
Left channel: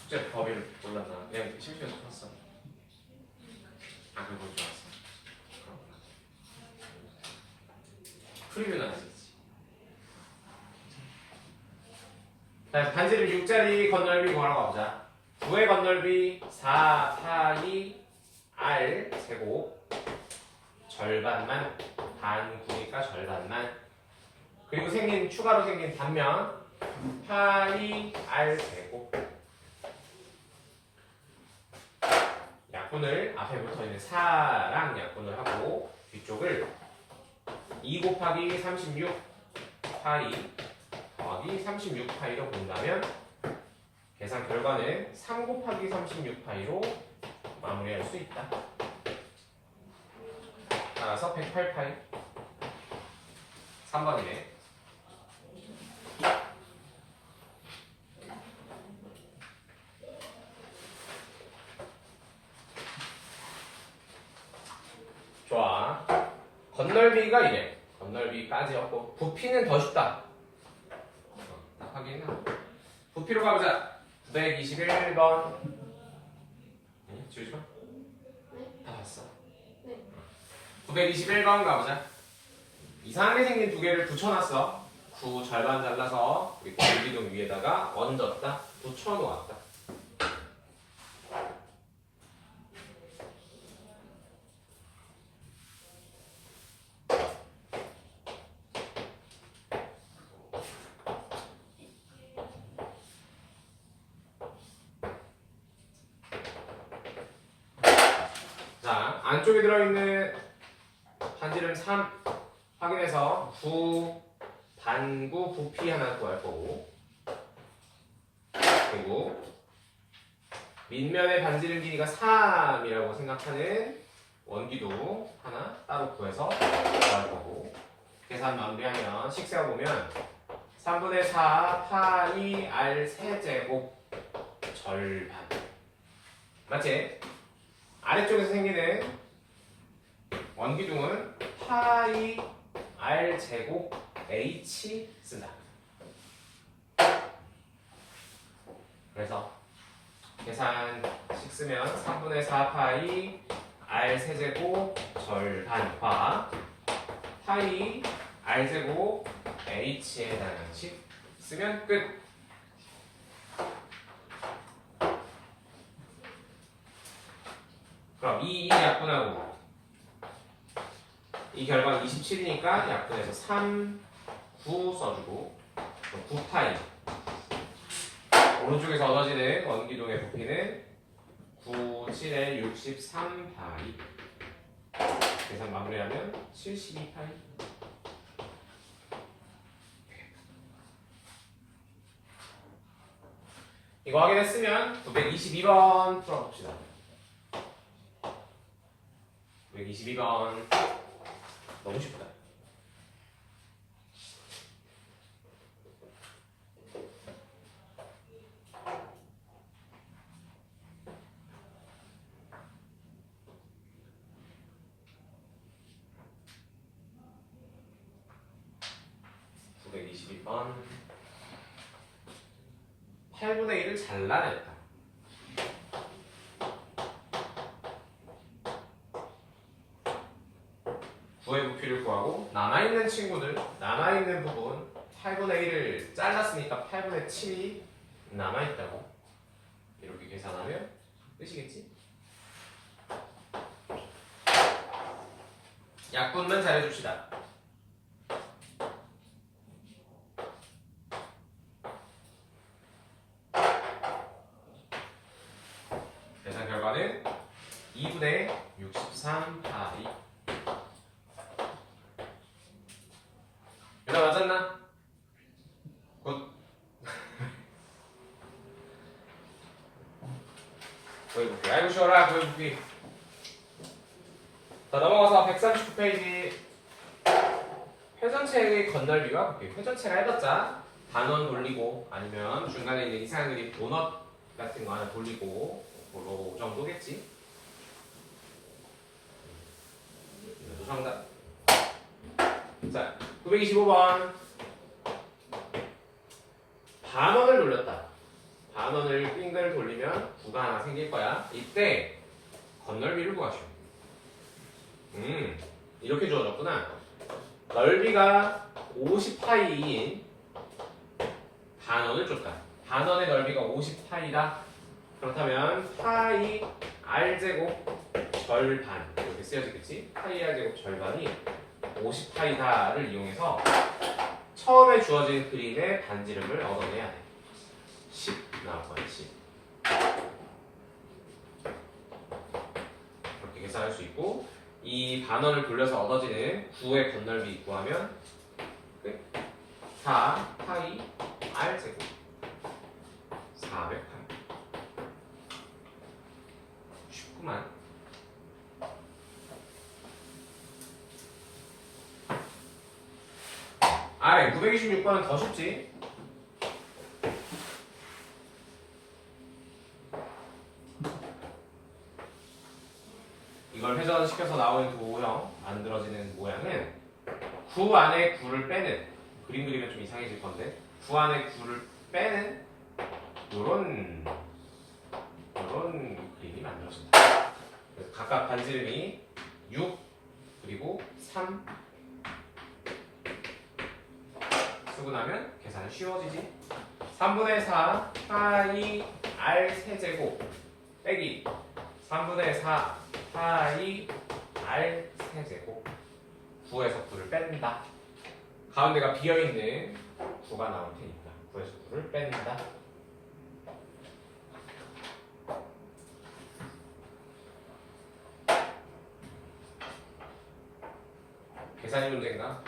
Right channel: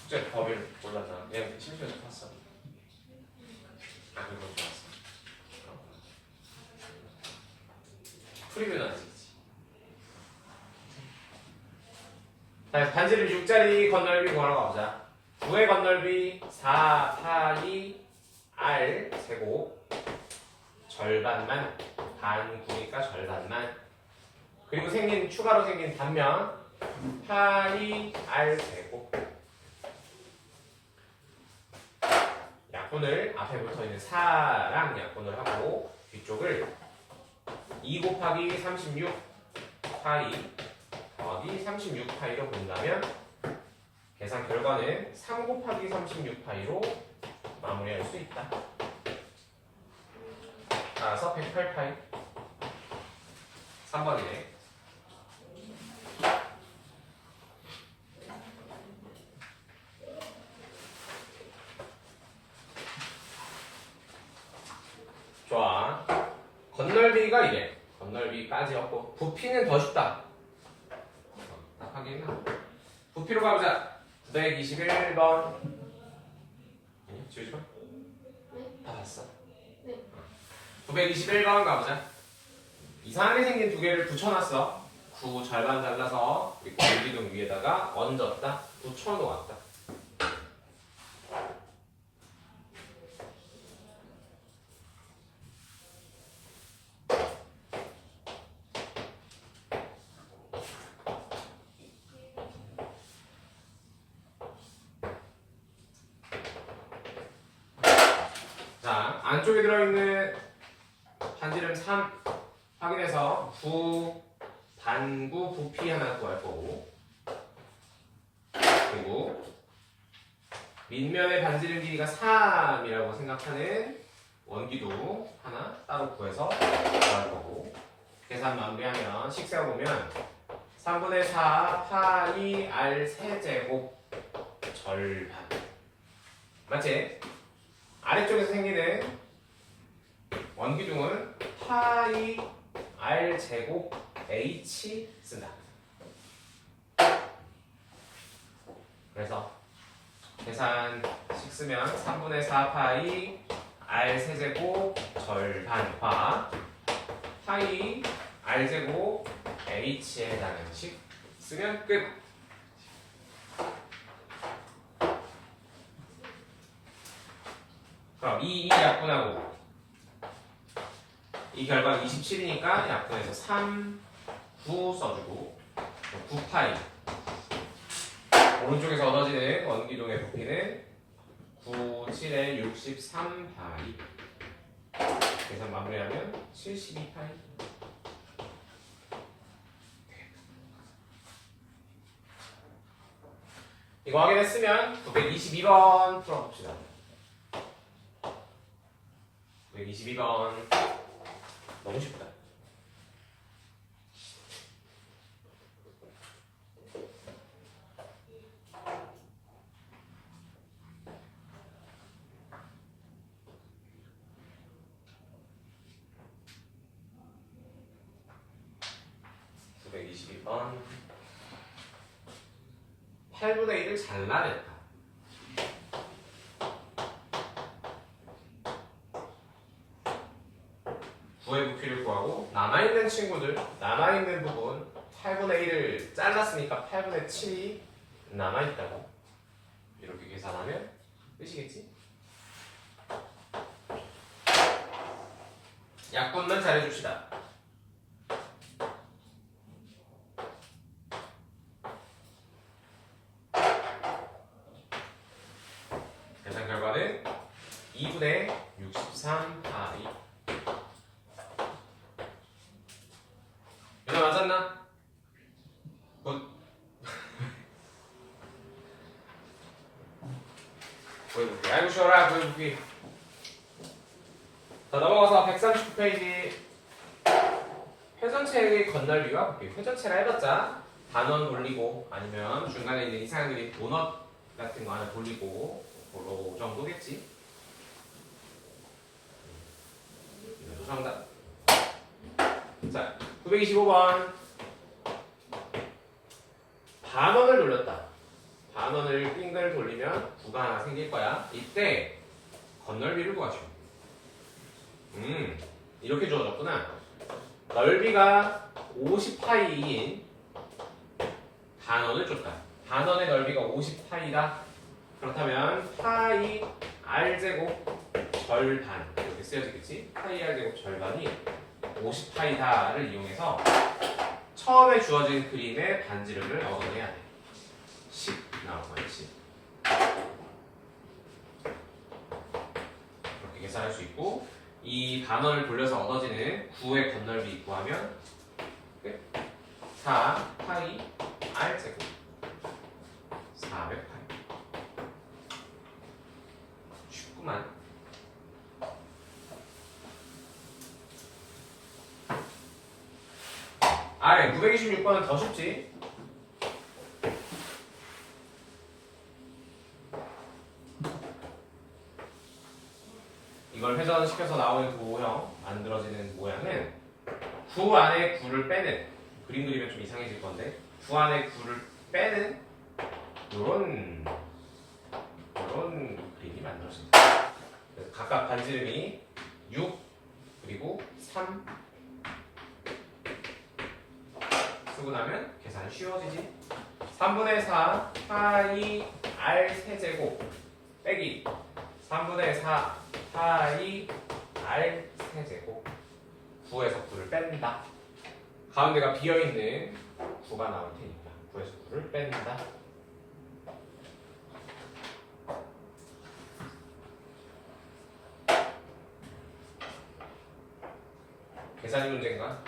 숙제 법을 몰랐나? 그냥 심심해서 풀었어. 아 그건 좋았어. 프리뷰는 안 했지. 자, 반지름 6짜리 건널비 구하러 가보자. 9의 건널비 4 파이 r 제곱 절반만 반 9니까 절반만 그리고 추가로 생긴 단면 파이 r 제곱 약분을 앞에 붙어있는 4랑 약분을 하고 뒤쪽을 2 곱하기 36 파이 더하기 36 파이로 본다면 계산 결과는 3 곱하기 36 파이로 마무리할 수 있다. 따라서 108 파이 3번이네. 좋아. 건널비가 이래. 건널비까지였고 부피는 더 쉽다. 답하기는 부피로 가보자. 921번 지우지 마. 다 봤어. 네. 921번 가보자. 이상하게 생긴 두 개를 붙여놨어. 9 절반 잘라서 공기둥 위에다가 얹었다. 붙여놓았다. 자, 안쪽에 들어있는 반지름 3 확인해서 9 반구 부피 하나 구할 거고 그리고 밑면의 반지름 길이가 3이라고 생각하는 원기도 하나 따로 구해서 구할 거고 계산 마무리하면 식세워 보면 3분의 4 파이 r 세제곱 절반 맞지? 아래쪽에서 생기는 원기둥은 파이 r 제곱 h 쓴다. 그래서 계산식 쓰면 3분의 4 파이 r 세제곱 절반과 파이 r 제곱 h에 해당하는 식 쓰면 끝. 그럼 이 약분하고 이 결과는 27이니까 약분해서 3, 9 써주고 9파이 오른쪽에서 얻어지는 원기둥의 부피는 9, 7에 63파이 계산 마무리하면 72파이 이거 확인했으면 922번 풀어봅시다. 922번. 너무 쉽다. 번 8분의 1을 잘라냈다. 구의 부피를 구하고 남아있는 친구들, 남아있는 부분 8분의 1을 잘랐으니까 8분의 7이 남아있다고 이렇게 계산하면 끝이겠지? 약분만 잘해줍시다. 계산 결과는 2분의 63 파이. 이거 맞았나? 굿. 구해볼게. 아이고 쉬워라. 구해볼게. 자, 넘어가서 139페이지. 회전체의 건널비가 볼게요. 회전체라 해봤자 단원 돌리고 아니면 중간에 있는 이상한 그림 도넛 같은 거 하나 돌리고 그거 정도겠지. 이것도 정답. 자, 925번. 반원을 돌렸다. 반원을 빙글 돌리면 구가 하나 생길 거야. 이때 건널비를 구하죠. 이렇게 주어졌구나. 넓이가 50파이인 반원을 줬다. 반원의 넓이가 50파이다. 그렇다면 파이 r제곱 절반 이렇게 쓰여지겠지? 파이 r제곱 절반이 50파이다를 이용해서 처음에 주어진 그림의 반지름을 얻어내야 돼. 10 나올 거야. 10. 그렇게 계산할 수 있고 이 반원을 돌려서 얻어지는 9의 건널비 구하면 4 파이 r제곱 400파이. 쉽구만. 아래 926번은 더 쉽지. 이걸 회전시켜서 나오는 도형 만들어지는 모양은 9 안에 9를 빼는 그림 그리면 좀 이상해질 건데 9 안에 9를 빼는 요런 그림이 만들어진다. 각각 반지름이 6 그리고 3 쓰고 나면 계산이 쉬워지지. 3분의 4 파이 r 세제곱 빼기 3분의 4 파이 r 세제곱 9에서 9를 뺀다. 가운데가 비어있는 9가 나올 테니까 9에서 9를 뺀다. 계산이 문제인가?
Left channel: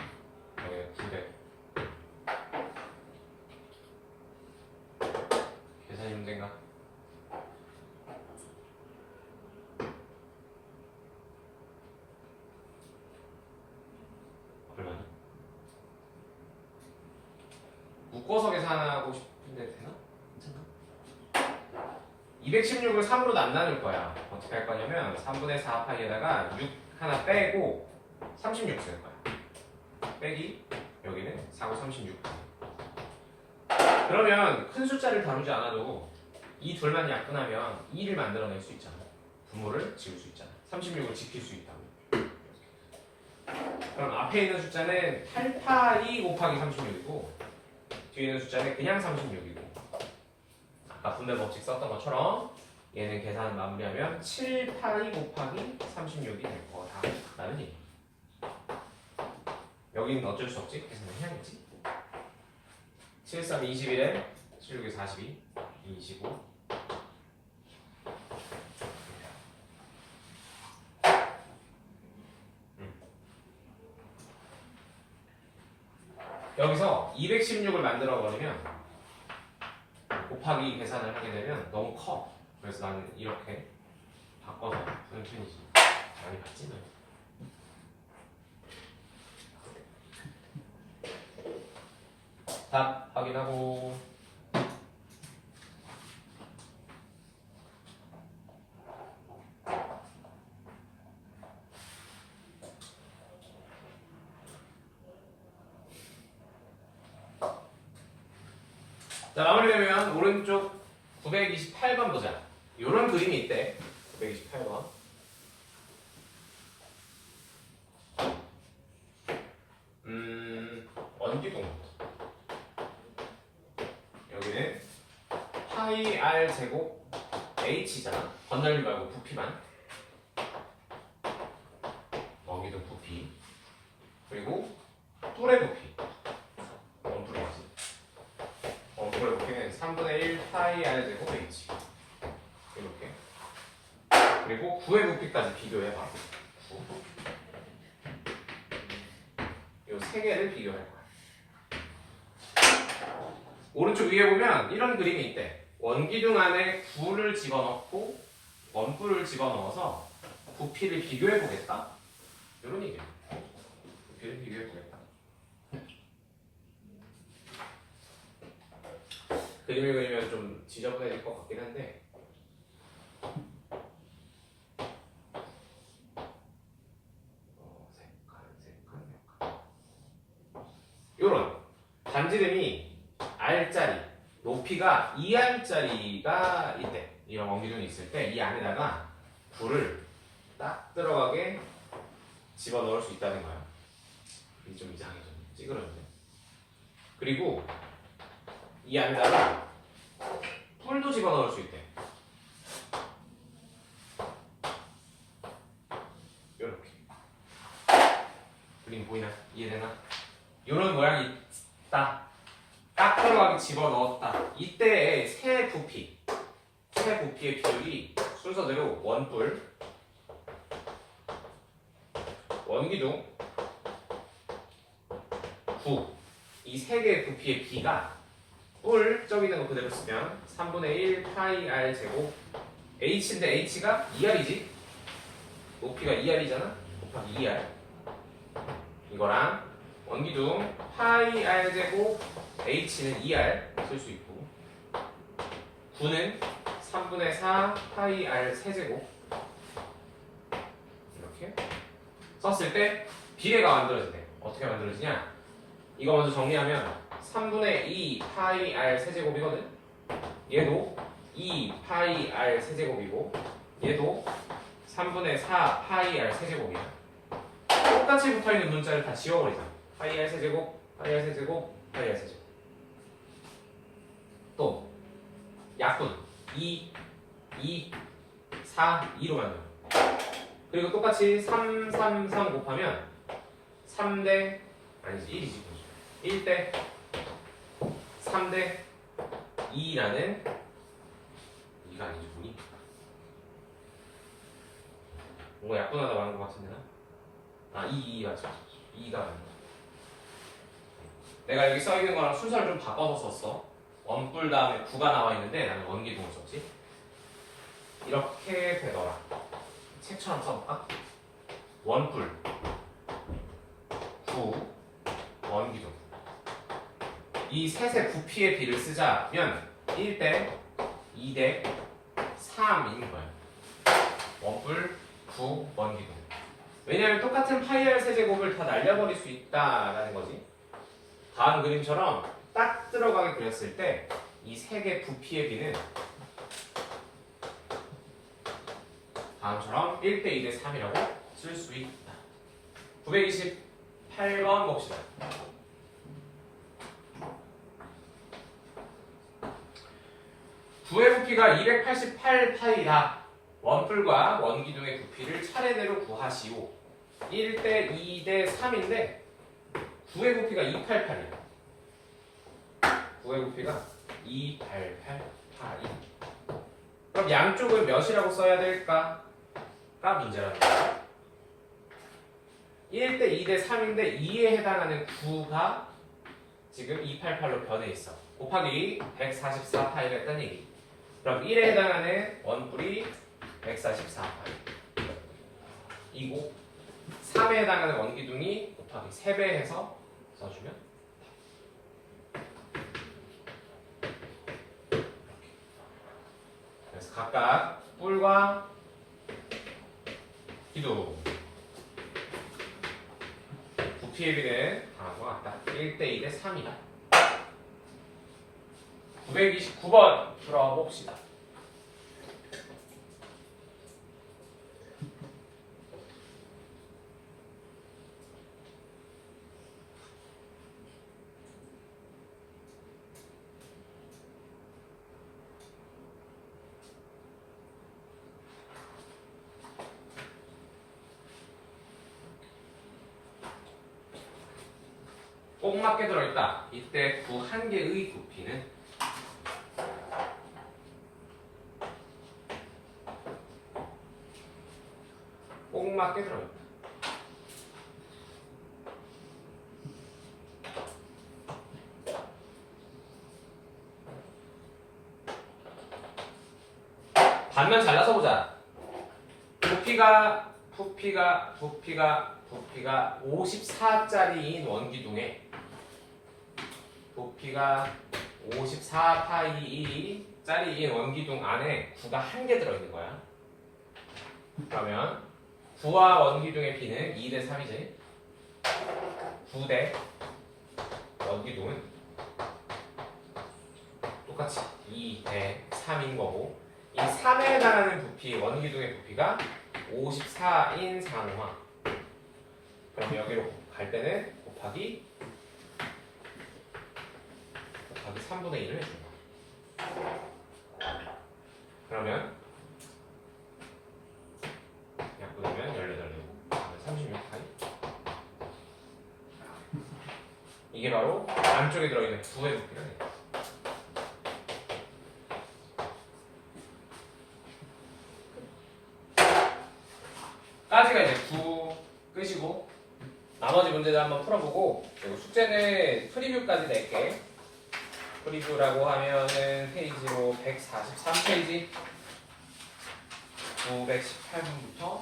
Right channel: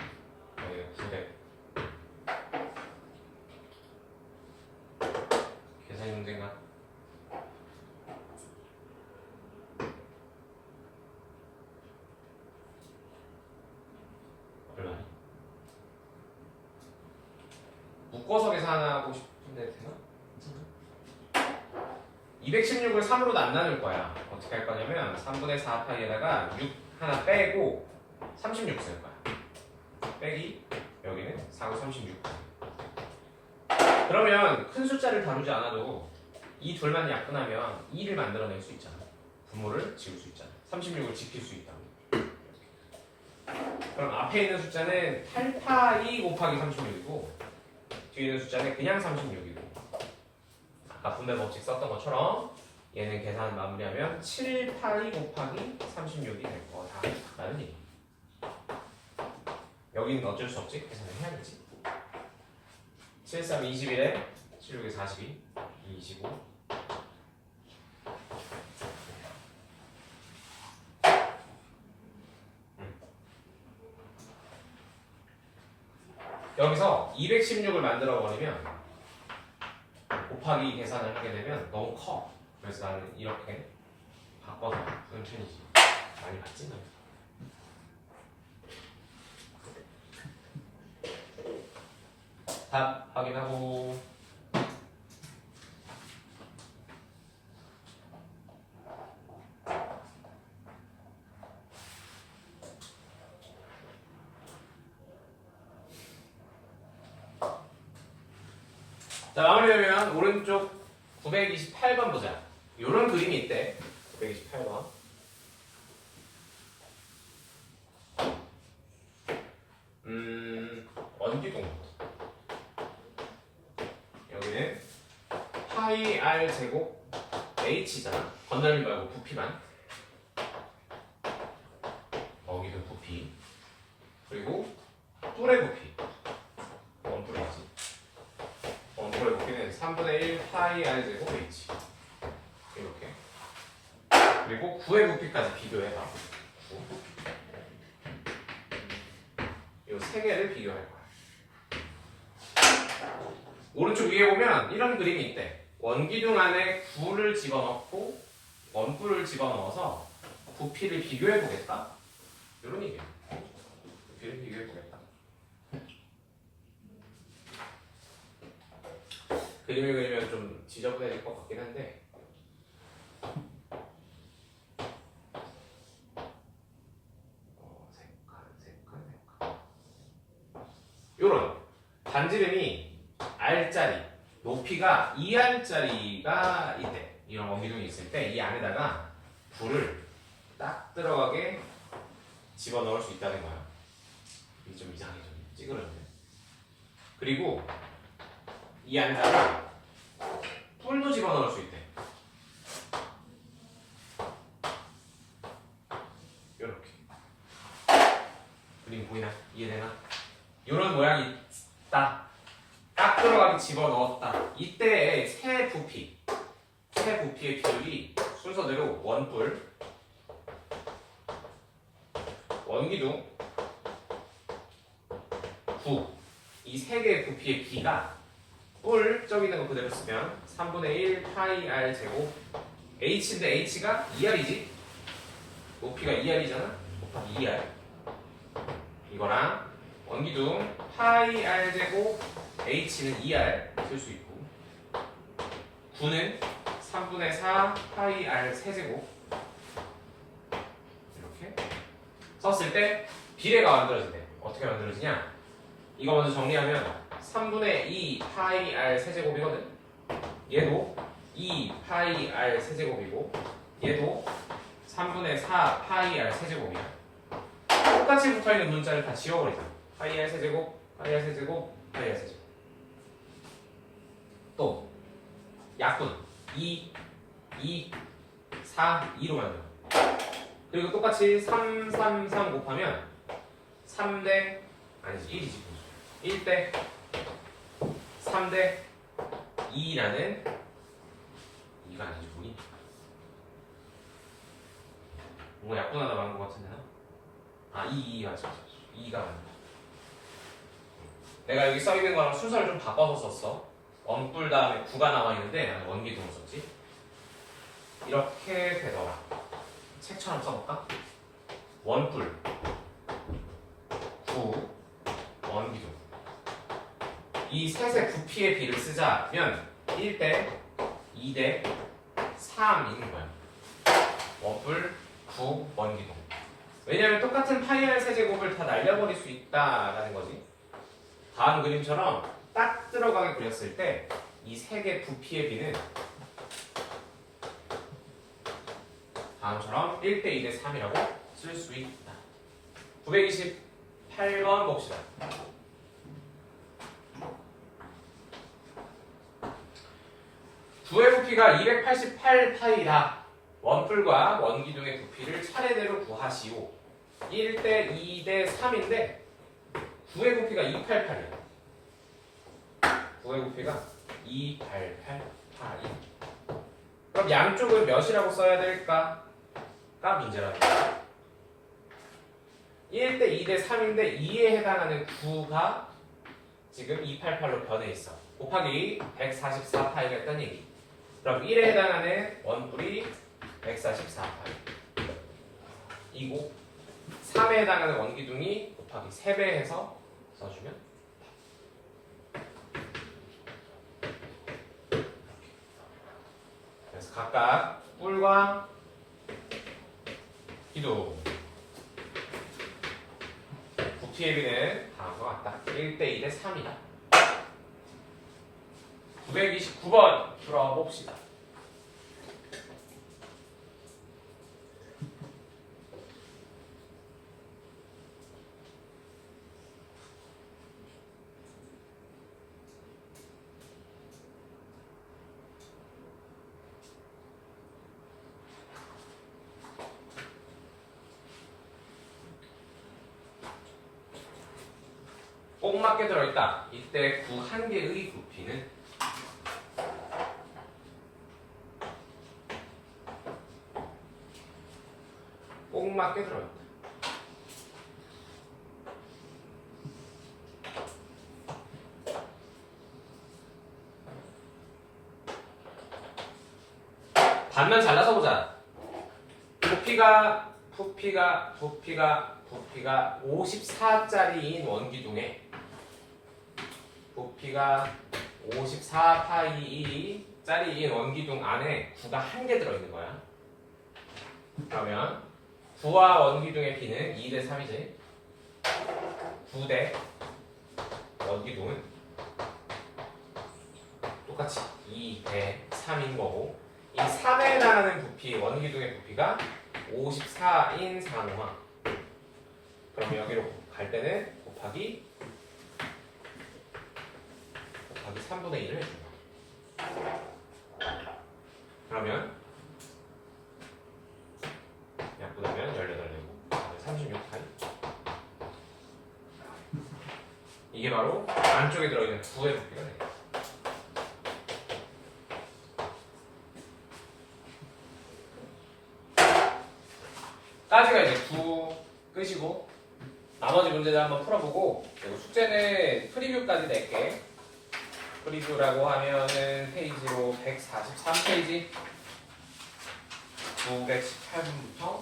네, 9대. 계산이 문제인가? 얼마니? 묶어서 계산하고 싶은데 되나? 216을 3으로 안 나눌 거야. 어떻게 할 거냐면 3분의 4 파이에다가 6 하나 빼고 36 쓸 거야. 빼기 여기는 4고 36. 그러면 큰 숫자를 다루지 않아도 이 둘만 약분하면 2를 만들어낼 수 있잖아. 분모를 지울 수 있잖아. 36을 지킬 수 있다고. 그럼 앞에 있는 숫자는 8파이 곱하기 36이고 뒤에 있는 숫자는 그냥 36이고 아까 분배 법칙 썼던 것처럼 얘는 계산 마무리하면 7파이 곱하기 36이 될 거다 라는 얘기. 여기는 어쩔 수 없지. 계산을 해야겠지. 7, 3, 21에 7, 6에 42, 25. 여기서 216을 만들어 버리면 곱하기 계산을 하게 되면 너무 커. 그래서 나는 이렇게 바꿔서 하는 편이지. 많이 봤지? 답 확인하고. 자, 마무리되면 오른쪽 928번 보자. 요런 그림이 있대. 928번. 원기둥. 여기는 파이 r 제곱 h잖아. 건널림 말고 부피만. 원기둥 부피. 그리고 뿔의 부피. 원뿔이지. 원뿔의 부피는 3분의 1 파이 r 제곱 h. 이렇게. 그리고 9의 부피까지 비교해봐. 9. 이 세 개를 비교할 거야. 오른쪽 위에 보면 이런 그림이 있대. 원기둥 안에 9를 집어넣고 원뿔을 집어넣어서 부피를 비교해 보겠다. 이런 얘기야. 부피를 비교해 보겠다. 그림을 그리면 좀 지저분해질 것 같긴 한데. 요런 반지름이 R짜리, 높이가 2R짜리가 있대. 이런 원기둥이 있을 때 이 안에다가 불을 딱 들어가게 집어넣을 수 있다는 거야. 이게 좀 이상해, 좀 찌그러진데. 그리고 이 안에다가 뿔도 집어넣을 수 있대. 요렇게. 그림 보이나? 이해되나? 이런 모양이 있다. 딱 들어가게 집어넣었다. 이때의 새 부피의 비율이 순서대로 원뿔, 원기둥, 9. 이 세 개의 부피의 비가 뿔, 저기 있는 거 그대로 쓰면 3분의 1 파이 r 제곱 h인데 h가 2r이지? 높이가 2r이잖아? 곱하기 2r. 이거랑 원기둥 파이 r 제곱 h는 2r 쓸 수 있고 9는 3분의 4 파이 r 세제곱 이렇게 썼을 때 비례가 만들어진대. 어떻게 만들어지냐? 이거 먼저 정리하면 3분의 2 파이 r 세제곱이거든. 얘도 2 파이 r 세제곱이고 얘도 3분의 4 파이 r 세제곱이야. 똑같이 붙어있는 문자를 다 지워버리자. 파이 r 세제곱, 파이 r 세제곱, 파이 r 세제곱. 또 약분 2, 4, 2로 만들어. 그리고 똑같이 3, 3, 3 곱하면 3대 아니지 1이지 1대 3대 2라는 2가 아니지 뭐니? 뭔가 약분하다 말한 것 같은데 나? 2 맞아 2가 아니야. 내가 여기 써있는 거랑 순서를 좀 바꿔서 썼어. 원뿔 다음에 9가 나와 있는데 나는 원기둥을 썼지. 이렇게 되더라. 책처럼 써볼까? 원뿔 9 원기둥. 이 셋의 부피의 비를 쓰자면 1대 2대 3인 거야. 원뿔 9 원기둥. 왜냐하면 똑같은 파이 r 세제곱을 다 날려버릴 수 있다라는 거지. 다음 그림처럼 딱 들어가게 그렸을 때 이 세 개 부피의 비는 다음처럼 1대 2대 3이라고 쓸 수 있다. 928번 봅시다. 구의 부피가 288파이다. 원뿔과 원기둥의 부피를 차례대로 구하시오. 1대 2대 3인데 9의 부피가 288이야. 9의 부피가 288파이. 그럼 양쪽은 몇이라고 써야 될까? 가 문제라는 거야. 1대 2대 3인데 2에 해당하는 9가 지금 288로 변해 있어. 곱하기 144파이가 했다는 얘기. 그럼 1에 해당하는 원뿔이 144파이 이고 3에 해당하는 원기둥이 곱하기 3배 해서 써주면 3과 기둥. 부피의 비는 다음과 같다. 1대2 대 3이다. 929번 풀어봅시다. 꼭 맞게 들어있다. 이때 구 한 개의 부피는 꼭 맞게 들어있다. 반면 잘라서 보자. 부피가 54짜리인 원기둥에 부피가 54파이짜리인 원기둥 안에 구가 한 개 들어있는 거야. 그러면 구와 원기둥의 비는 2대 3이지. 9대 원기둥은 똑같이 2대 3인 거고, 이 3에 해당하는 부피, 원기둥의 부피가 54인 상황. 그러면 여기로 갈 때는 곱하기 3분의 1을 해준 거야. 그러면 약분하면 18되고 36파이. 이게 바로 안쪽에 들어있는 구의 부피가 돼요. 까지가 이제 9 끄시고 나머지 문제들 한번 풀어보고, 그리고 숙제는 프리뷰까지 낼게. 프리뷰라고 하면은 페이지로 143페이지 918분부터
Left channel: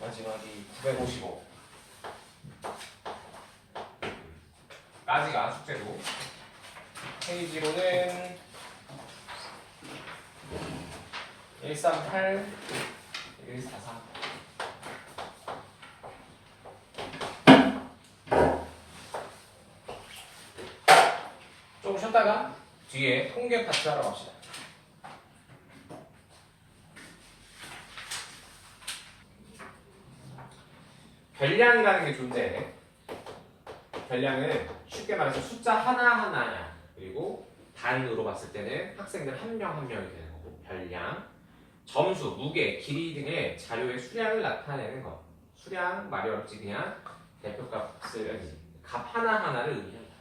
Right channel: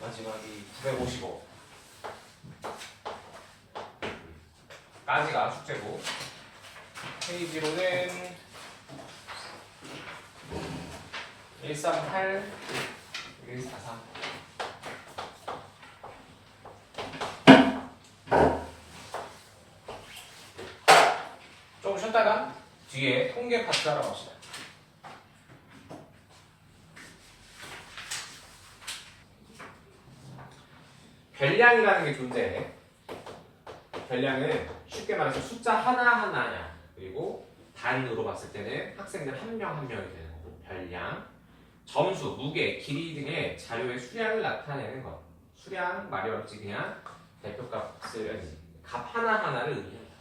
마지막이 955 까지가 숙제고, 페이지로는 138, 143. 조금 쉬었다가 뒤에 통계 파트 하러 갑시다. 별량이라는 게 존재해. 별량은 쉽게 말해서 숫자 하나하나야. 그리고 단으로 봤을 때는 학생들 한 명 한 명이 되는 거고, 별량, 점수, 무게, 길이 등의 자료의 수량을 나타내는 것. 수량 말이 어렵지, 그냥 대표값을, 값 하나하나를 의미한다.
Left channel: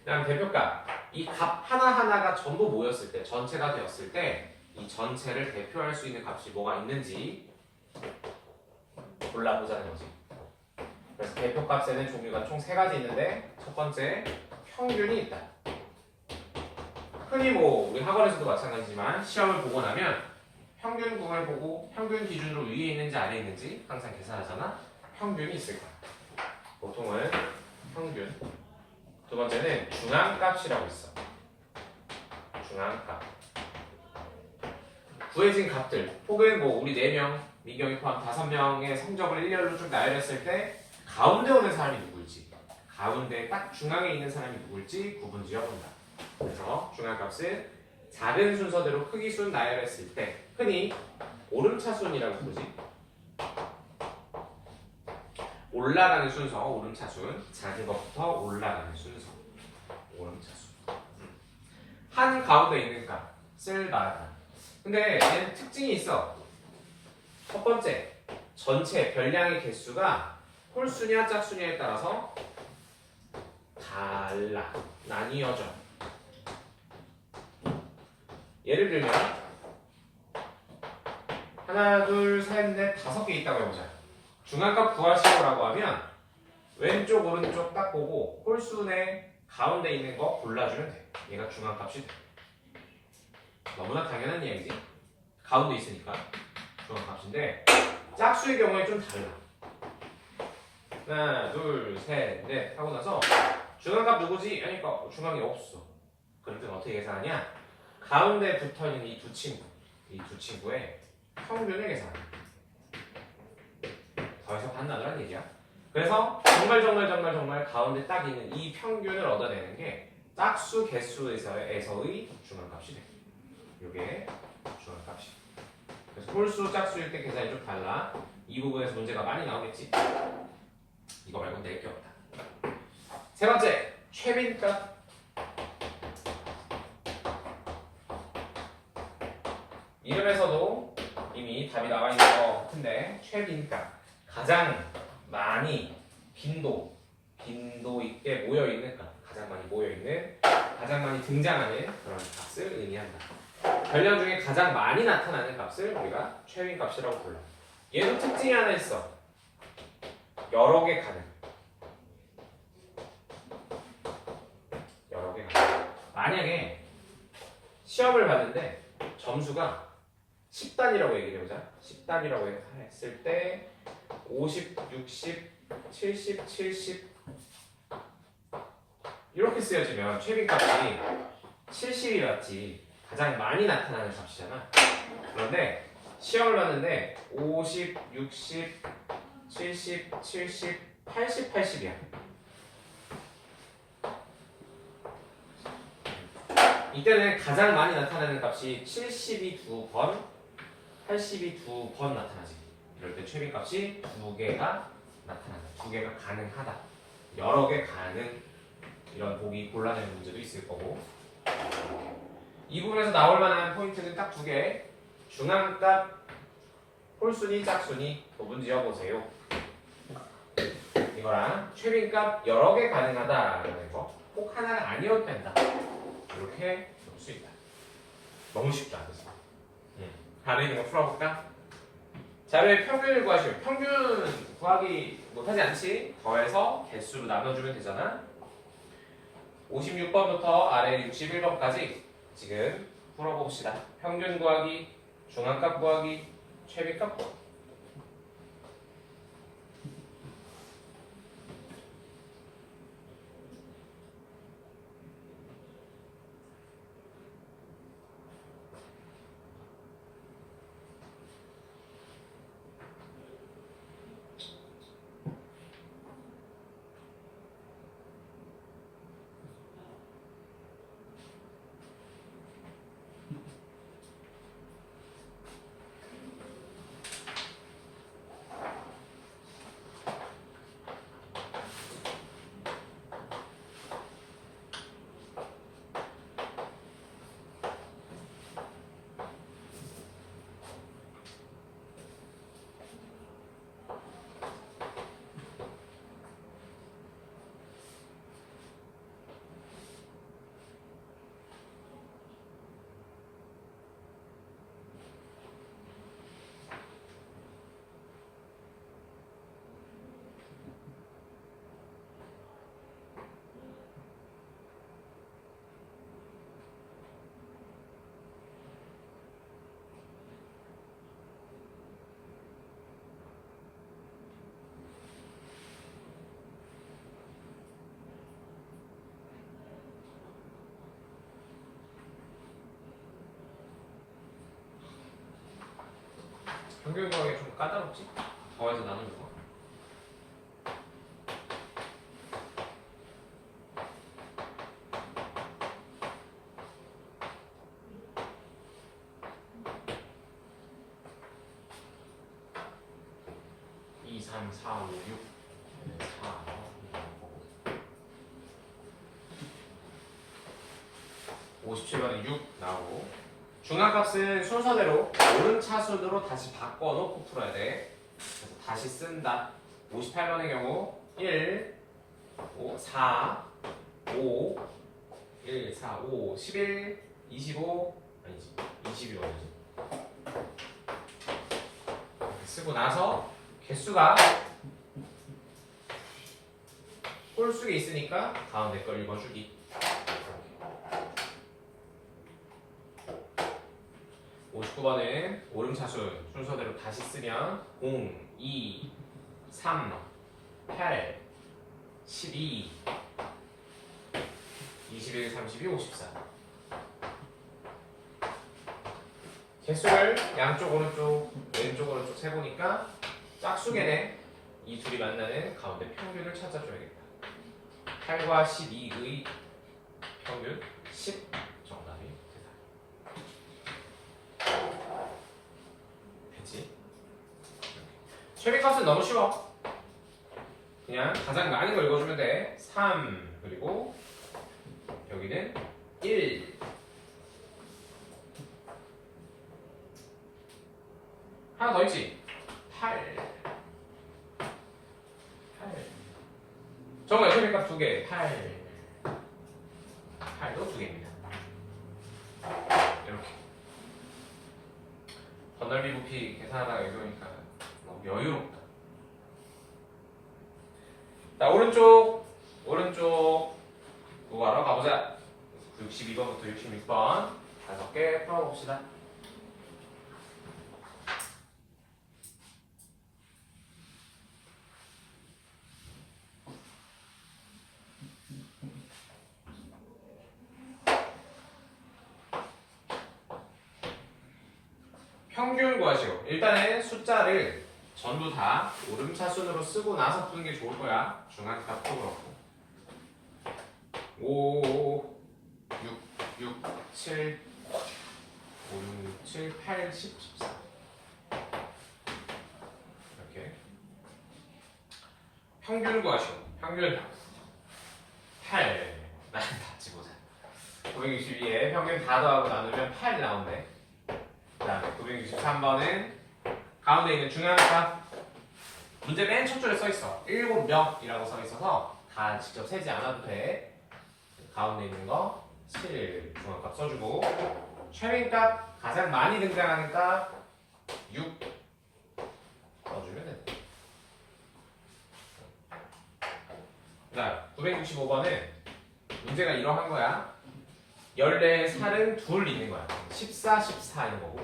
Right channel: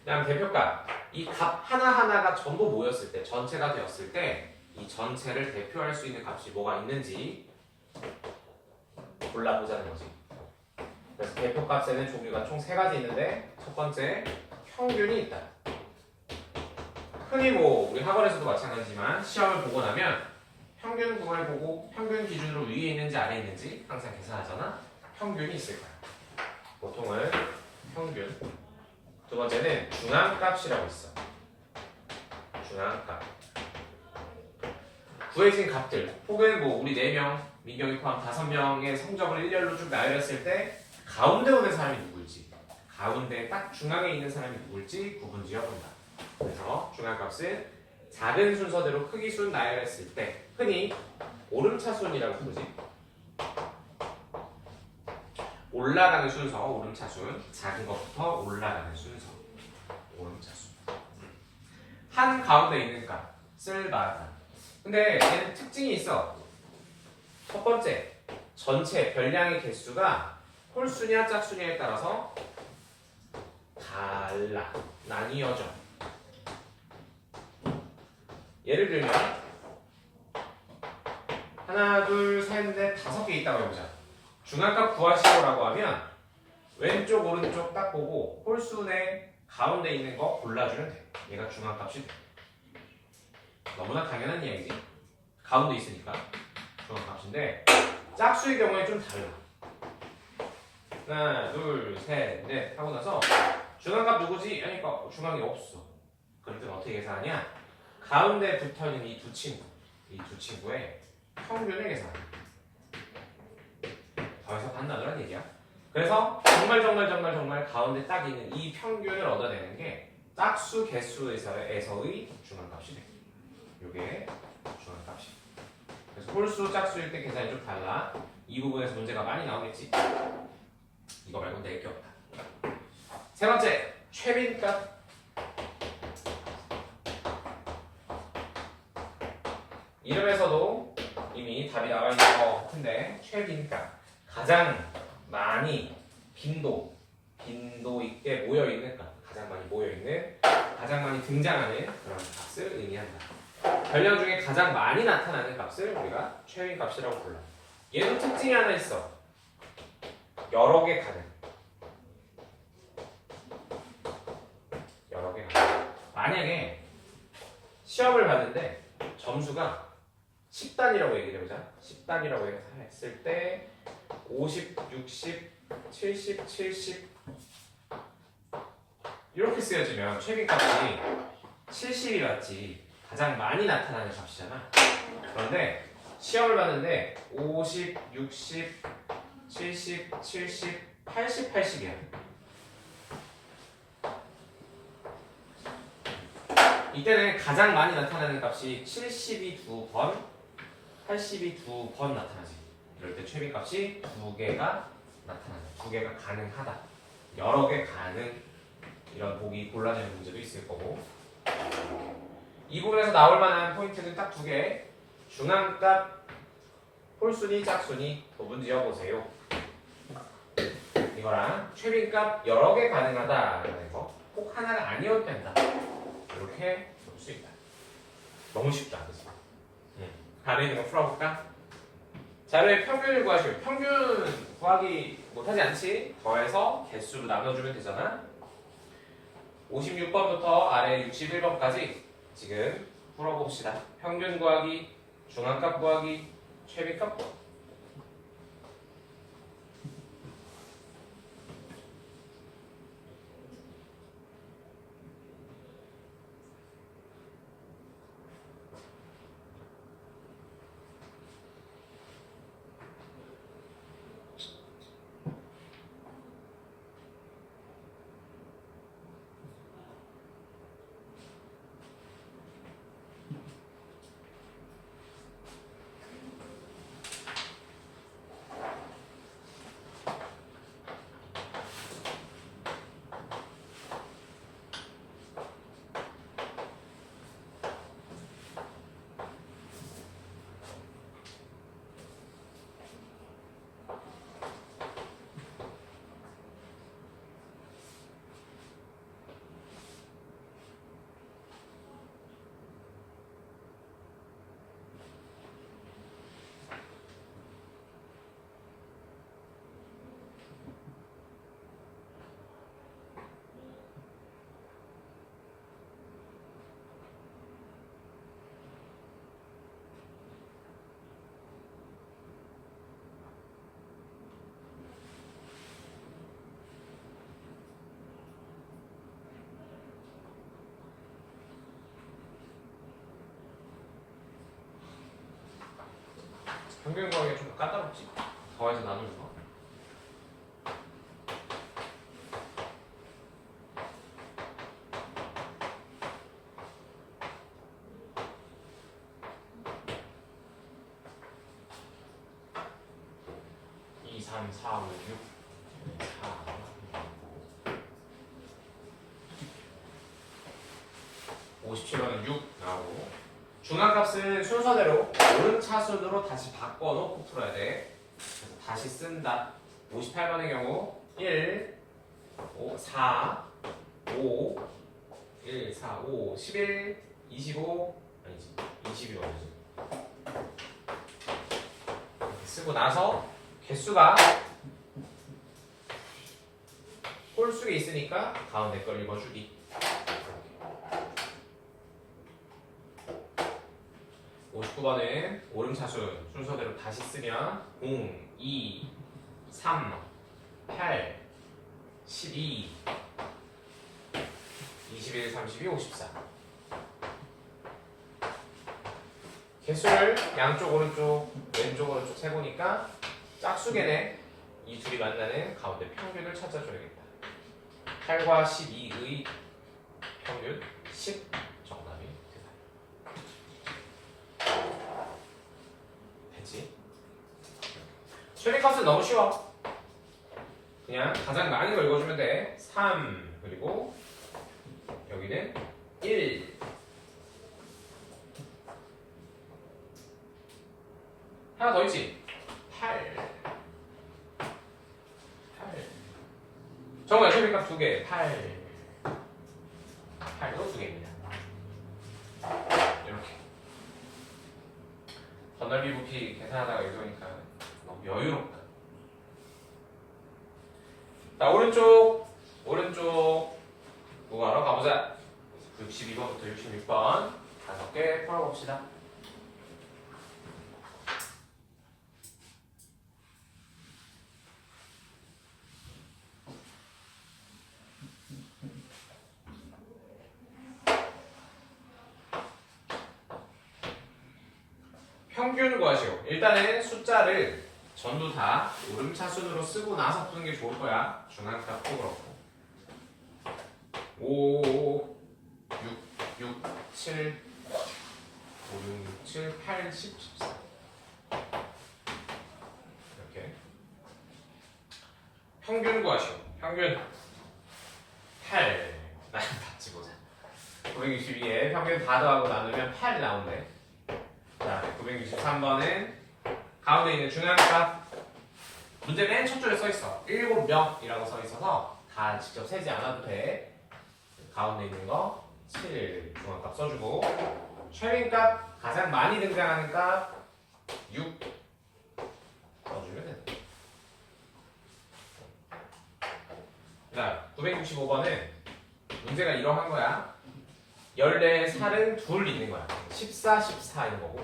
그다음 대표값, 이 값 하나하나가 전부 모였을 때, 전체가 되었을 때 이 전체를 대표할 수 있는 값이 뭐가 있는지 골라보자는 거지. 그래서 대표값에는 종류가 총 3가지 있는데, 첫 번째 평균이 있다. 흔히 뭐 우리 학원에서도 마찬가지지만 시험을 보고 나면 평균 구간을 보고 평균 기준으로 위에 있는지 아래에 있는지 항상 계산하잖아. 평균이 있을 거야. 보통은 평균. 두 번째는 중앙값이라고 있어. 중앙값. 구해진 값들, 혹은 뭐 우리 4명, 민경이 포함 5명의 성적을 일렬로 쭉 나열했을 때 가운데 오는 사람이 누구일지, 가운데 딱 중앙에 있는 사람이 누구일지 구분 지어본다. 그래서 중앙값을 작은 순서대로 크기 순 나열했을 때 흔히 오름차순이라고 부르지. 올라가는 순서, 오름차순. 작은 것부터 올라가는 순서, 오름차순. 한 가운데 있는 값을 말하다. 근데 얘는 특징이 있어. 첫 번째, 전체 별량의 개수가 홀수냐 짝수냐에 따라서 달라, 나뉘어져. 예를 들면 하나, 둘, 셋, 넷, 5개 있다고 해보자. 중앙값 구하시오라고 하면 왼쪽, 오른쪽 딱 보고 홀수의 가운데 있는 거 골라주면 돼. 얘가 중앙값이 돼. 너무나 당연한 이야기지. 가운데 있으니까 중앙값인데, 짝수의 경우에 좀 달라. 하나, 둘, 셋, 넷 하고 나서 중앙값 누구지? 하니까 중앙이 없어. 그럴 땐 어떻게 계산하냐? 가운데 붙어있는 이 두 친구, 이 두 친구의 평균을 계산해. 더해서 반나누란 얘기야. 그래서 정말 가운데 딱 있는 이 평균을 얻어내는 게 짝수 개수에서의 중앙값이 돼. 이게 중앙값이. 그래서 홀수 짝수일 때 계산이 좀 달라. 이 부분에서 문제가 많이 나오겠지. 이거 말고 낼 게 없다. 세 번째, 최빈값. 이름에서도 이미 답이 나와 있는 것 같은데 최빈값. 가장 많이 빈도 있게 모여있는 값. 가장 많이 모여있는, 가장 많이 등장하는 그런 값을 의미한다. 변량 중에 가장 많이 나타나는 값을 우리가 최빈값이라고 불러요. 얘도 특징이 하나 있어. 여러 개 가능. 여러 개 가능. 만약에 시험을 봤는데 점수가 10단이라고 얘기를 해보자. 10단이라고 했을 때 50, 60, 70, 70 이렇게 쓰여지면 최빈값이 70이 맞지. 가장 많이 나타나는 값이잖아. 그런데 시험을 봤는데 50, 60, 70, 70, 80, 80이야. 이때는 가장 많이 나타나는 값이 70이 2번, 80이 2번 나타나지. 이럴 때 최빈값이 2개가 나타난다. 2개가 가능하다. 여러 개 가능. 이런 보기 곤란한 문제도 있을 거고. 이 부분에서 나올 만한 포인트는 딱 2개. 중앙값, 홀수니 짝수니 구분 지어보세요. 이거랑 최빈값 여러 개 가능하다라는 거. 꼭 하나가 아니어도 된다. 이렇게 볼 수 있다. 너무 쉽다. 그래서. 안에 있는 거 풀어볼까? 자료의 평균을 구하시면 평균 구하기 못하지 않지? 더해서 개수로 나눠주면 되잖아. 56번부터 아래 61번까지 지금 풀어봅시다. 평균 구하기, 중앙값 구하기, 최빈값 구하기. 평균 구하기가 좀 까다롭지? 더해서 나누는 거. 이, 3, 4, 5, 6, 4, 57번은 6 나오고 중앙값은 순서대로 오른차순으로 다시 바꿔놓고 풀어야 돼. 그래서 다시 쓴다. 58번의 경우 1, 5, 4, 5, 1, 4, 5, 11, 25, 아니지 22번이지. 쓰고 나서 개수가 홀수에 있으니까 가운데 걸 읽어주기. 59번은 오름차순 순서대로 다시 쓰면 0, 2, 3, 8, 12, 21, 32, 54. 개수를 양쪽 오른쪽 왼쪽 오른쪽 세보니까 짝수계네. 이 둘이 만나는 가운데 평균을 찾아줘야겠다. 8과 12의 평균 10 정답이 되다. 됐지? 최대값은 너무 쉬워. 그냥 가장 많은 걸 읽어주면 돼. 3 그리고 여기는 1. 하나 더 있지? 8. 정말 최대값 2개. 8. 8도 2개입니다. 이렇게. 번넓이 부피 계산하다가 이러니까 너무 여유롭다. 자, 오른쪽 누가로 가보자. 62번부터 66번 5개 풀어봅시다. 평균 구하시오. 일단은 숫자를 전부 다 오름차순으로 쓰고 나서 푸는 게 좋을 거야. 중앙값도 그렇고. 5, 6, 7, 5, 6, 7, 8, 10, 14. 이렇게. 평균 구하시오. 평균 8. 난 같이 보자. 962에 평균 다 더하고 나누면 8이 나온대. 자, 963번은 가운데 있는 중앙값. 문제 맨 첫 줄에 써있어. 7명이라고 써있어서 다 직접 세지 않아도 돼. 가운데 있는 거 7 중앙값 써주고, 최민값 가장 많이 등장하는 값 6 써주면 돼. 자, 965번은 문제가 이러한 거야. 14살은 둘 있는 거야. 14, 14인 거고,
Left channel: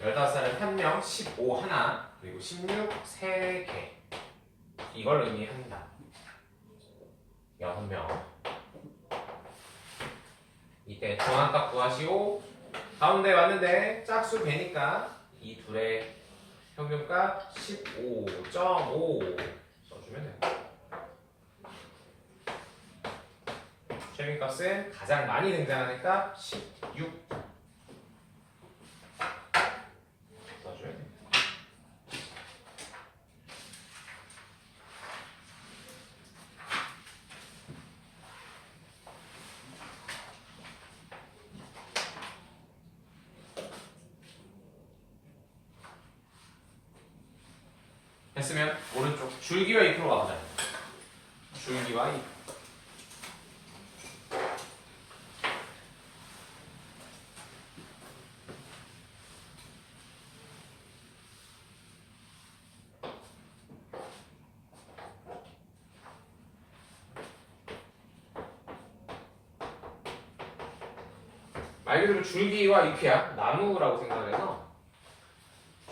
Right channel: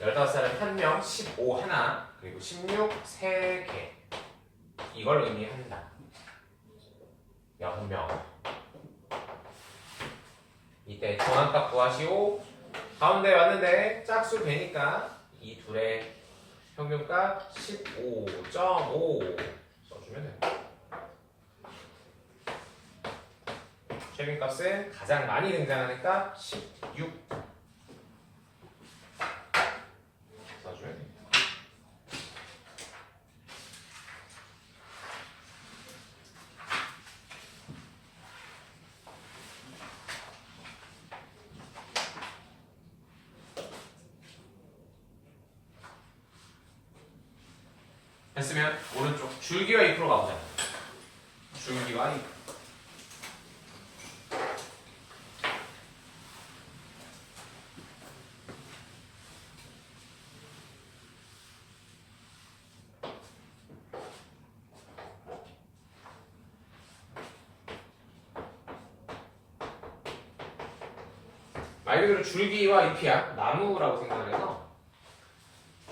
15살은 1명, 15 하나, 그리고 16 3개. 이걸 의미한다. 6명. 이때 중앙값 구하시고, 가운데 왔는데 짝수 되니까 이 둘의 평균값 15.5 써주면 돼. 최빈값은 가장 많이 등장하는 값 16 써주면 돼. 됐으면 오른쪽 줄기와 잎으로 가보자. 줄기와 잎. 말 그대로 줄기와 잎이야. 나무라고 생각을 해서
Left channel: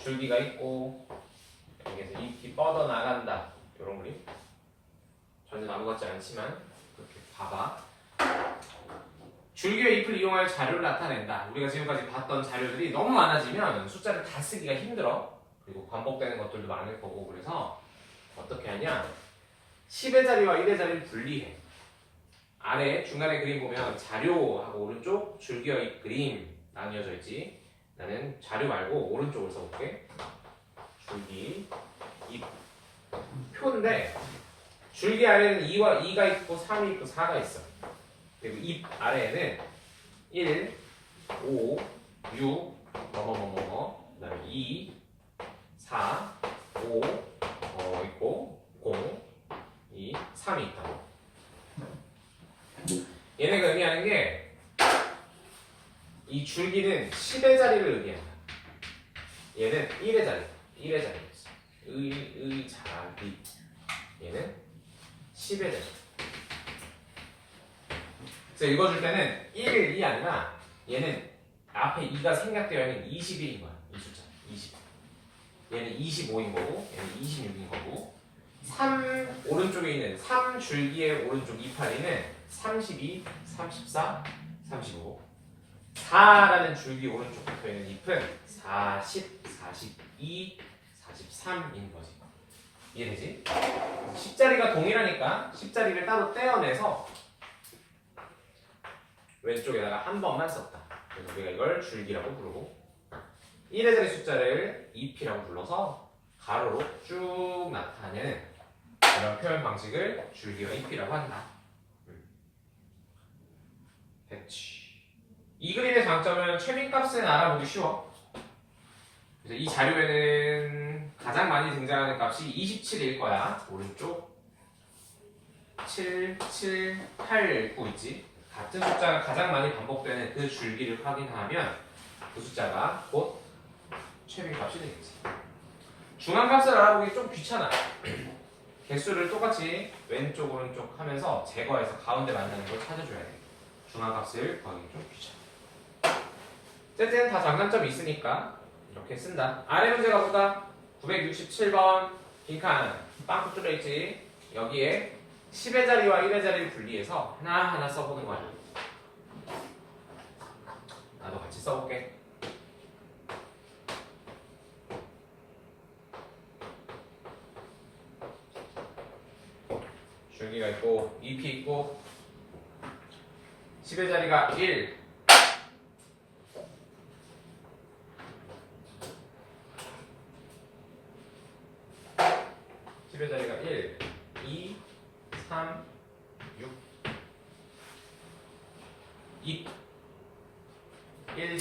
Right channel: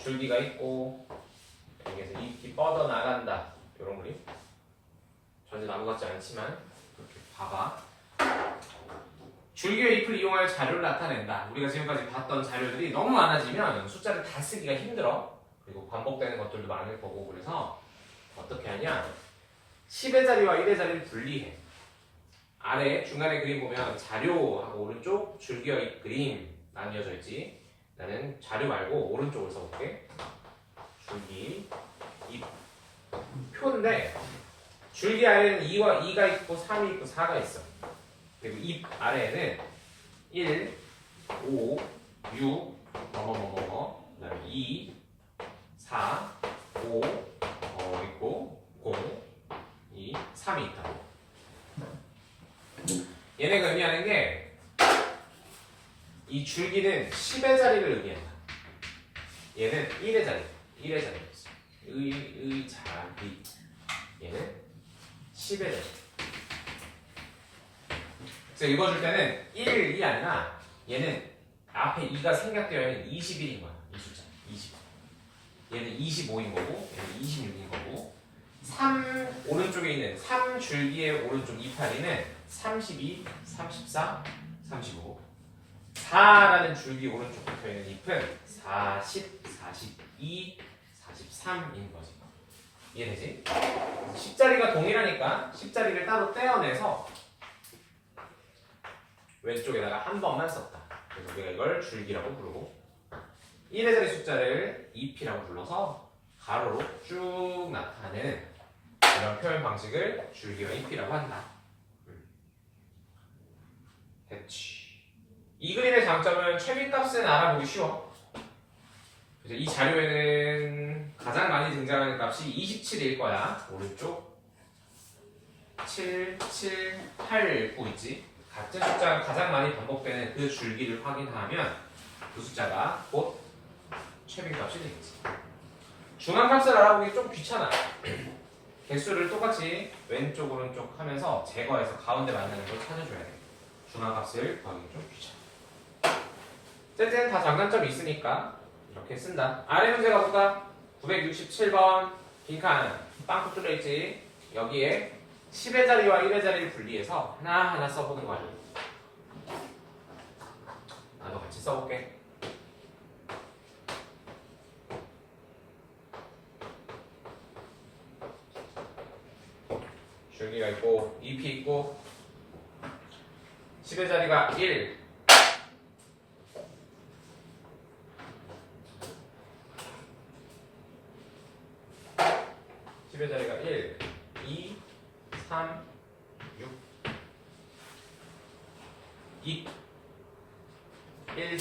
줄기가 있고 여기에서 잎이 뻗어 나간다. 이런 그림. 전혀 나무 같지 않지만 이렇게 봐봐. 줄기와 잎을 이용하여 자료를 나타낸다. 우리가 지금까지 봤던 자료들이 너무 많아지면 숫자를 다 쓰기가 힘들어. 그리고 반복되는 것들도 많을 거고. 그래서 어떻게 하냐, 10의 자리와 1의 자리를 분리해. 아래 중간에 그림 보면 자료하고 오른쪽 줄기와 잎 그림 나뉘어져 있지. 나는 자료 말고 오른쪽을 써볼게. 줄기, 잎. 표인데 줄기 아래에는 2와 2가 있고 3이 있고 4가 있어. 그리고 잎 아래에는 1, 5, 6, 뭐뭐뭐뭐, 그다음에 2, 4, 5 있고 0, 2, 3이 있다. 얘네가 의미하는 게 이 줄기는 10의 자리를 의미한다. 얘는 1의 자리, 1의 자리가 있어. 의 자리. 얘는 10의 자리. 그래서 읽어줄 때는 1이 아니라 얘는 앞에 2가 생략되어 있는 21인 거야. 이 숫자 20. 얘는 25인 거고, 얘는 26인 거고, 3 오른쪽에 있는 3줄기의 오른쪽 282는 32, 34, 35. 4라는 줄기 오른쪽 붙어 있는 잎은 40, 42, 43인 거지. 이해되지? 10자리가 동일하니까 10자리를 따로 떼어내서 왼쪽에다가 한 번만 썼다. 그래서 우리가 이걸 줄기라고 부르고 1의 자리 숫자를 잎이라고 불러서 가로로 쭉 나타내는 그런 표현 방식을 줄기와 잎이라고 한다. 됐지. 이 그림의 장점은 최빈값은 알아보기 쉬워. 그래서 이 자료에는 가장 많이 등장하는 값이 27일 거야. 오른쪽 7, 7, 8, 9 있지. 같은 숫자가 가장 많이 반복되는 그 줄기를 확인하면 그 숫자가 곧 최빈값이 되겠지. 중앙값을 알아보기 좀 귀찮아요. 개수를 똑같이 왼쪽 오른쪽 하면서 제거해서 가운데 만나는 걸 찾아줘야 돼. 중앙값을 구하기 좀 귀찮아. 어쨌든 다 장단점이 있으니까 이렇게 쓴다. 아래 문제 가볼까? 967번 빈칸 빵꾸 뚫려있지. 여기에 10의 자리와 1의 자리를 분리해서 하나하나 써보는 거야. 나도 같이 써볼게. 줄기가 있고 잎이 있고 10의 자리가 1 10의 자리가 1 2 3 6 2 1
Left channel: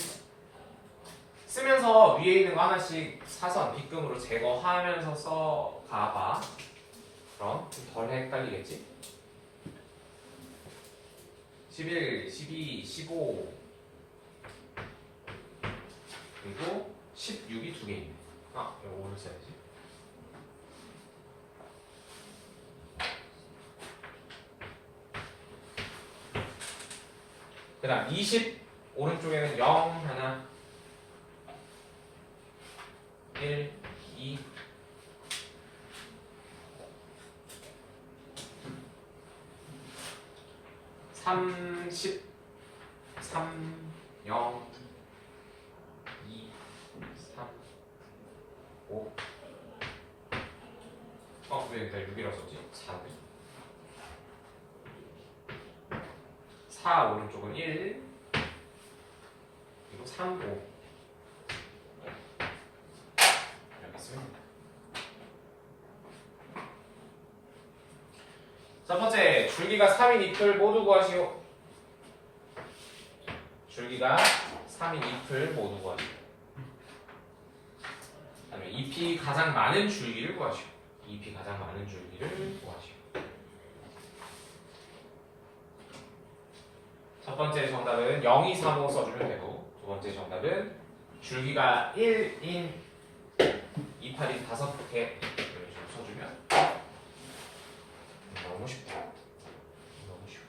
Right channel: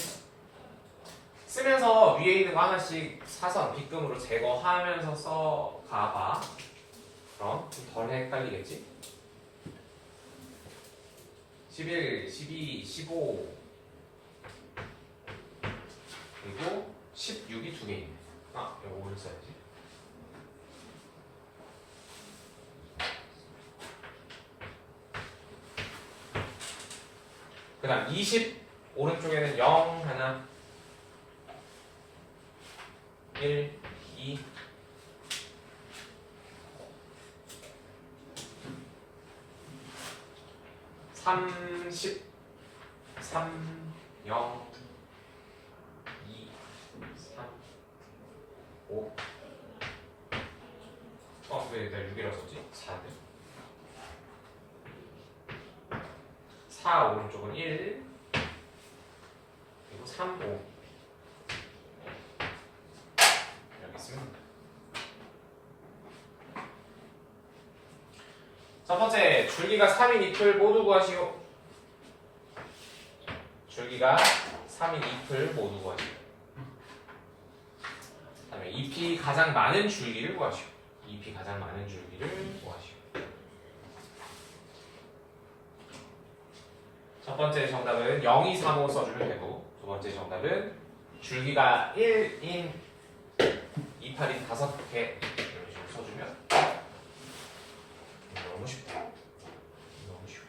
쓰면서 위에 있는 거 하나씩 사선 빗금으로 제거하면서 써가봐. 좀 덜 헷갈리겠지? 11, 12, 15 그리고 16이 두 개 있네. 아, 이거 오늘 써야지. 그 다음 20 오른쪽에는 0 하나 1, 2 30 3 0 2 3 5 왜 일단 6이라고 썼지? 4네 4 오른쪽은 1 그리고 3 5 이렇게 쓰면 됩니다. 첫 번째, 줄기가 3인 잎을 모두 구하시오. 줄기가 3인 잎을 모두 구하시오. 그 다음에 잎이 가장 많은 줄기를 구하시오. 잎이 가장 많은 줄기를 구하시오. 첫 번째 정답은 0, 2, 3, 5 써주면 되고, 두 번째 정답은 줄기가 1인 이파리 5개 이런 식으로 써주면 너무 쉽다. 너무 쉬워.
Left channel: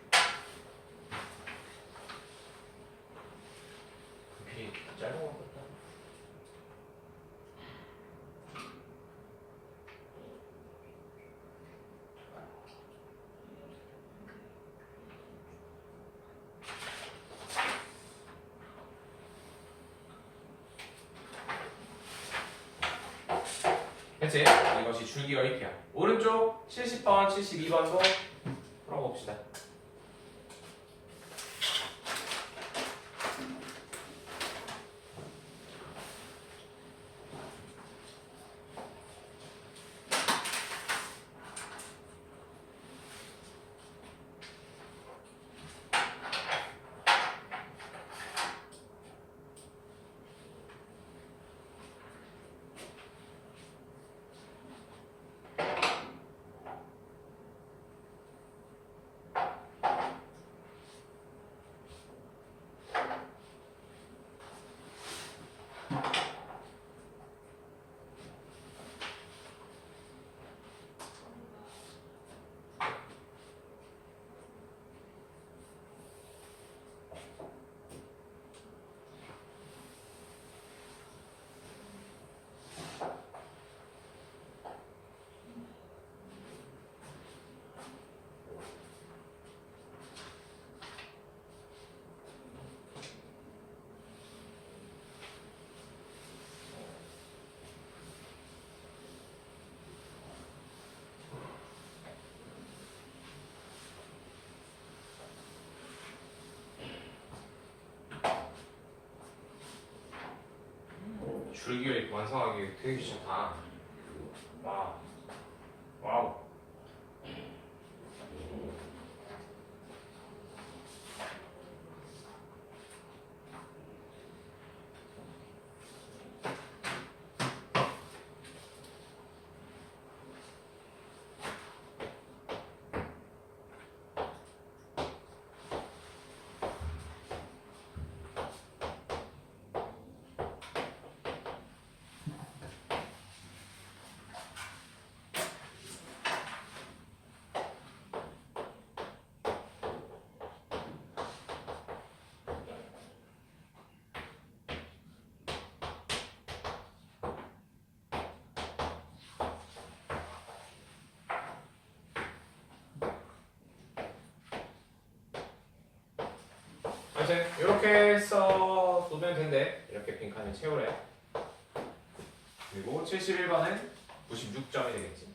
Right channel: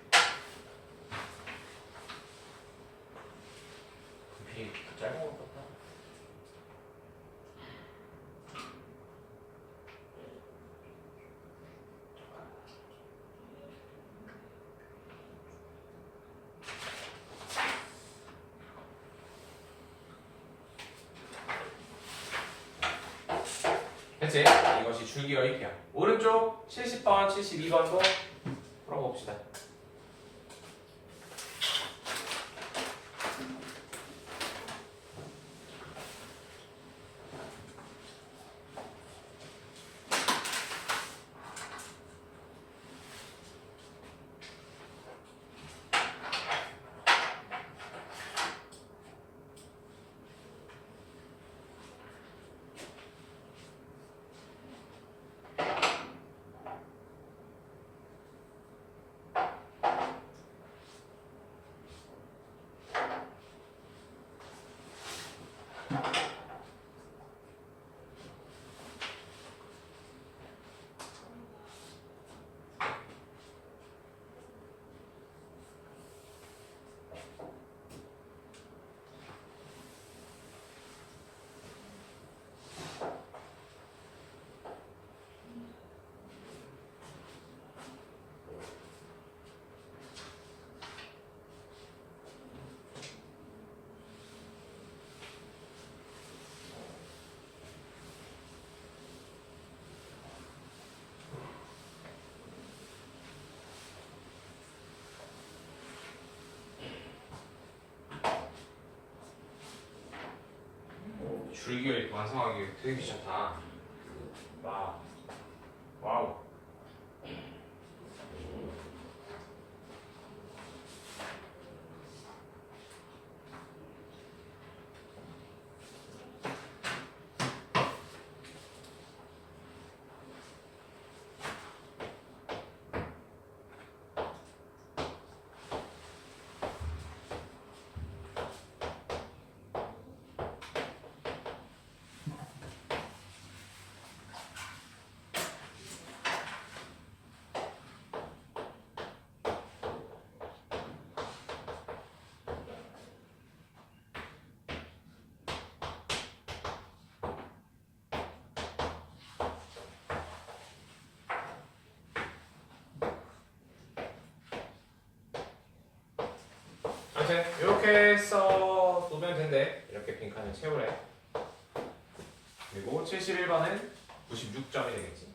잎이 짧은 것 같다. 그치? 이것이 줄기와 잎이야. 오른쪽 70번, 72번도 풀어봅시다. 줄기가 이렇게 완성하기 되게 귀찮다. 와우. 와우. 아무튼 이렇게 해서 두면 된대. 이렇게 빈칸을 채우래. 그리고 71번은 96점이 되겠지.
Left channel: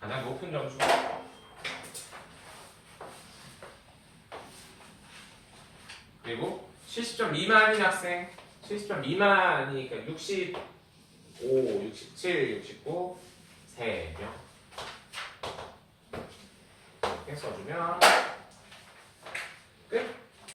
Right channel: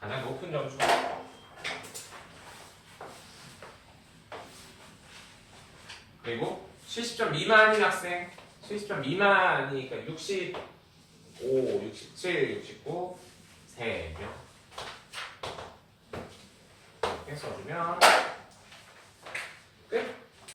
가장 높은 점수. 그리고 70점 미만인 학생, 70점 미만이니까 65, 67, 69, 3명. 이렇게 써주면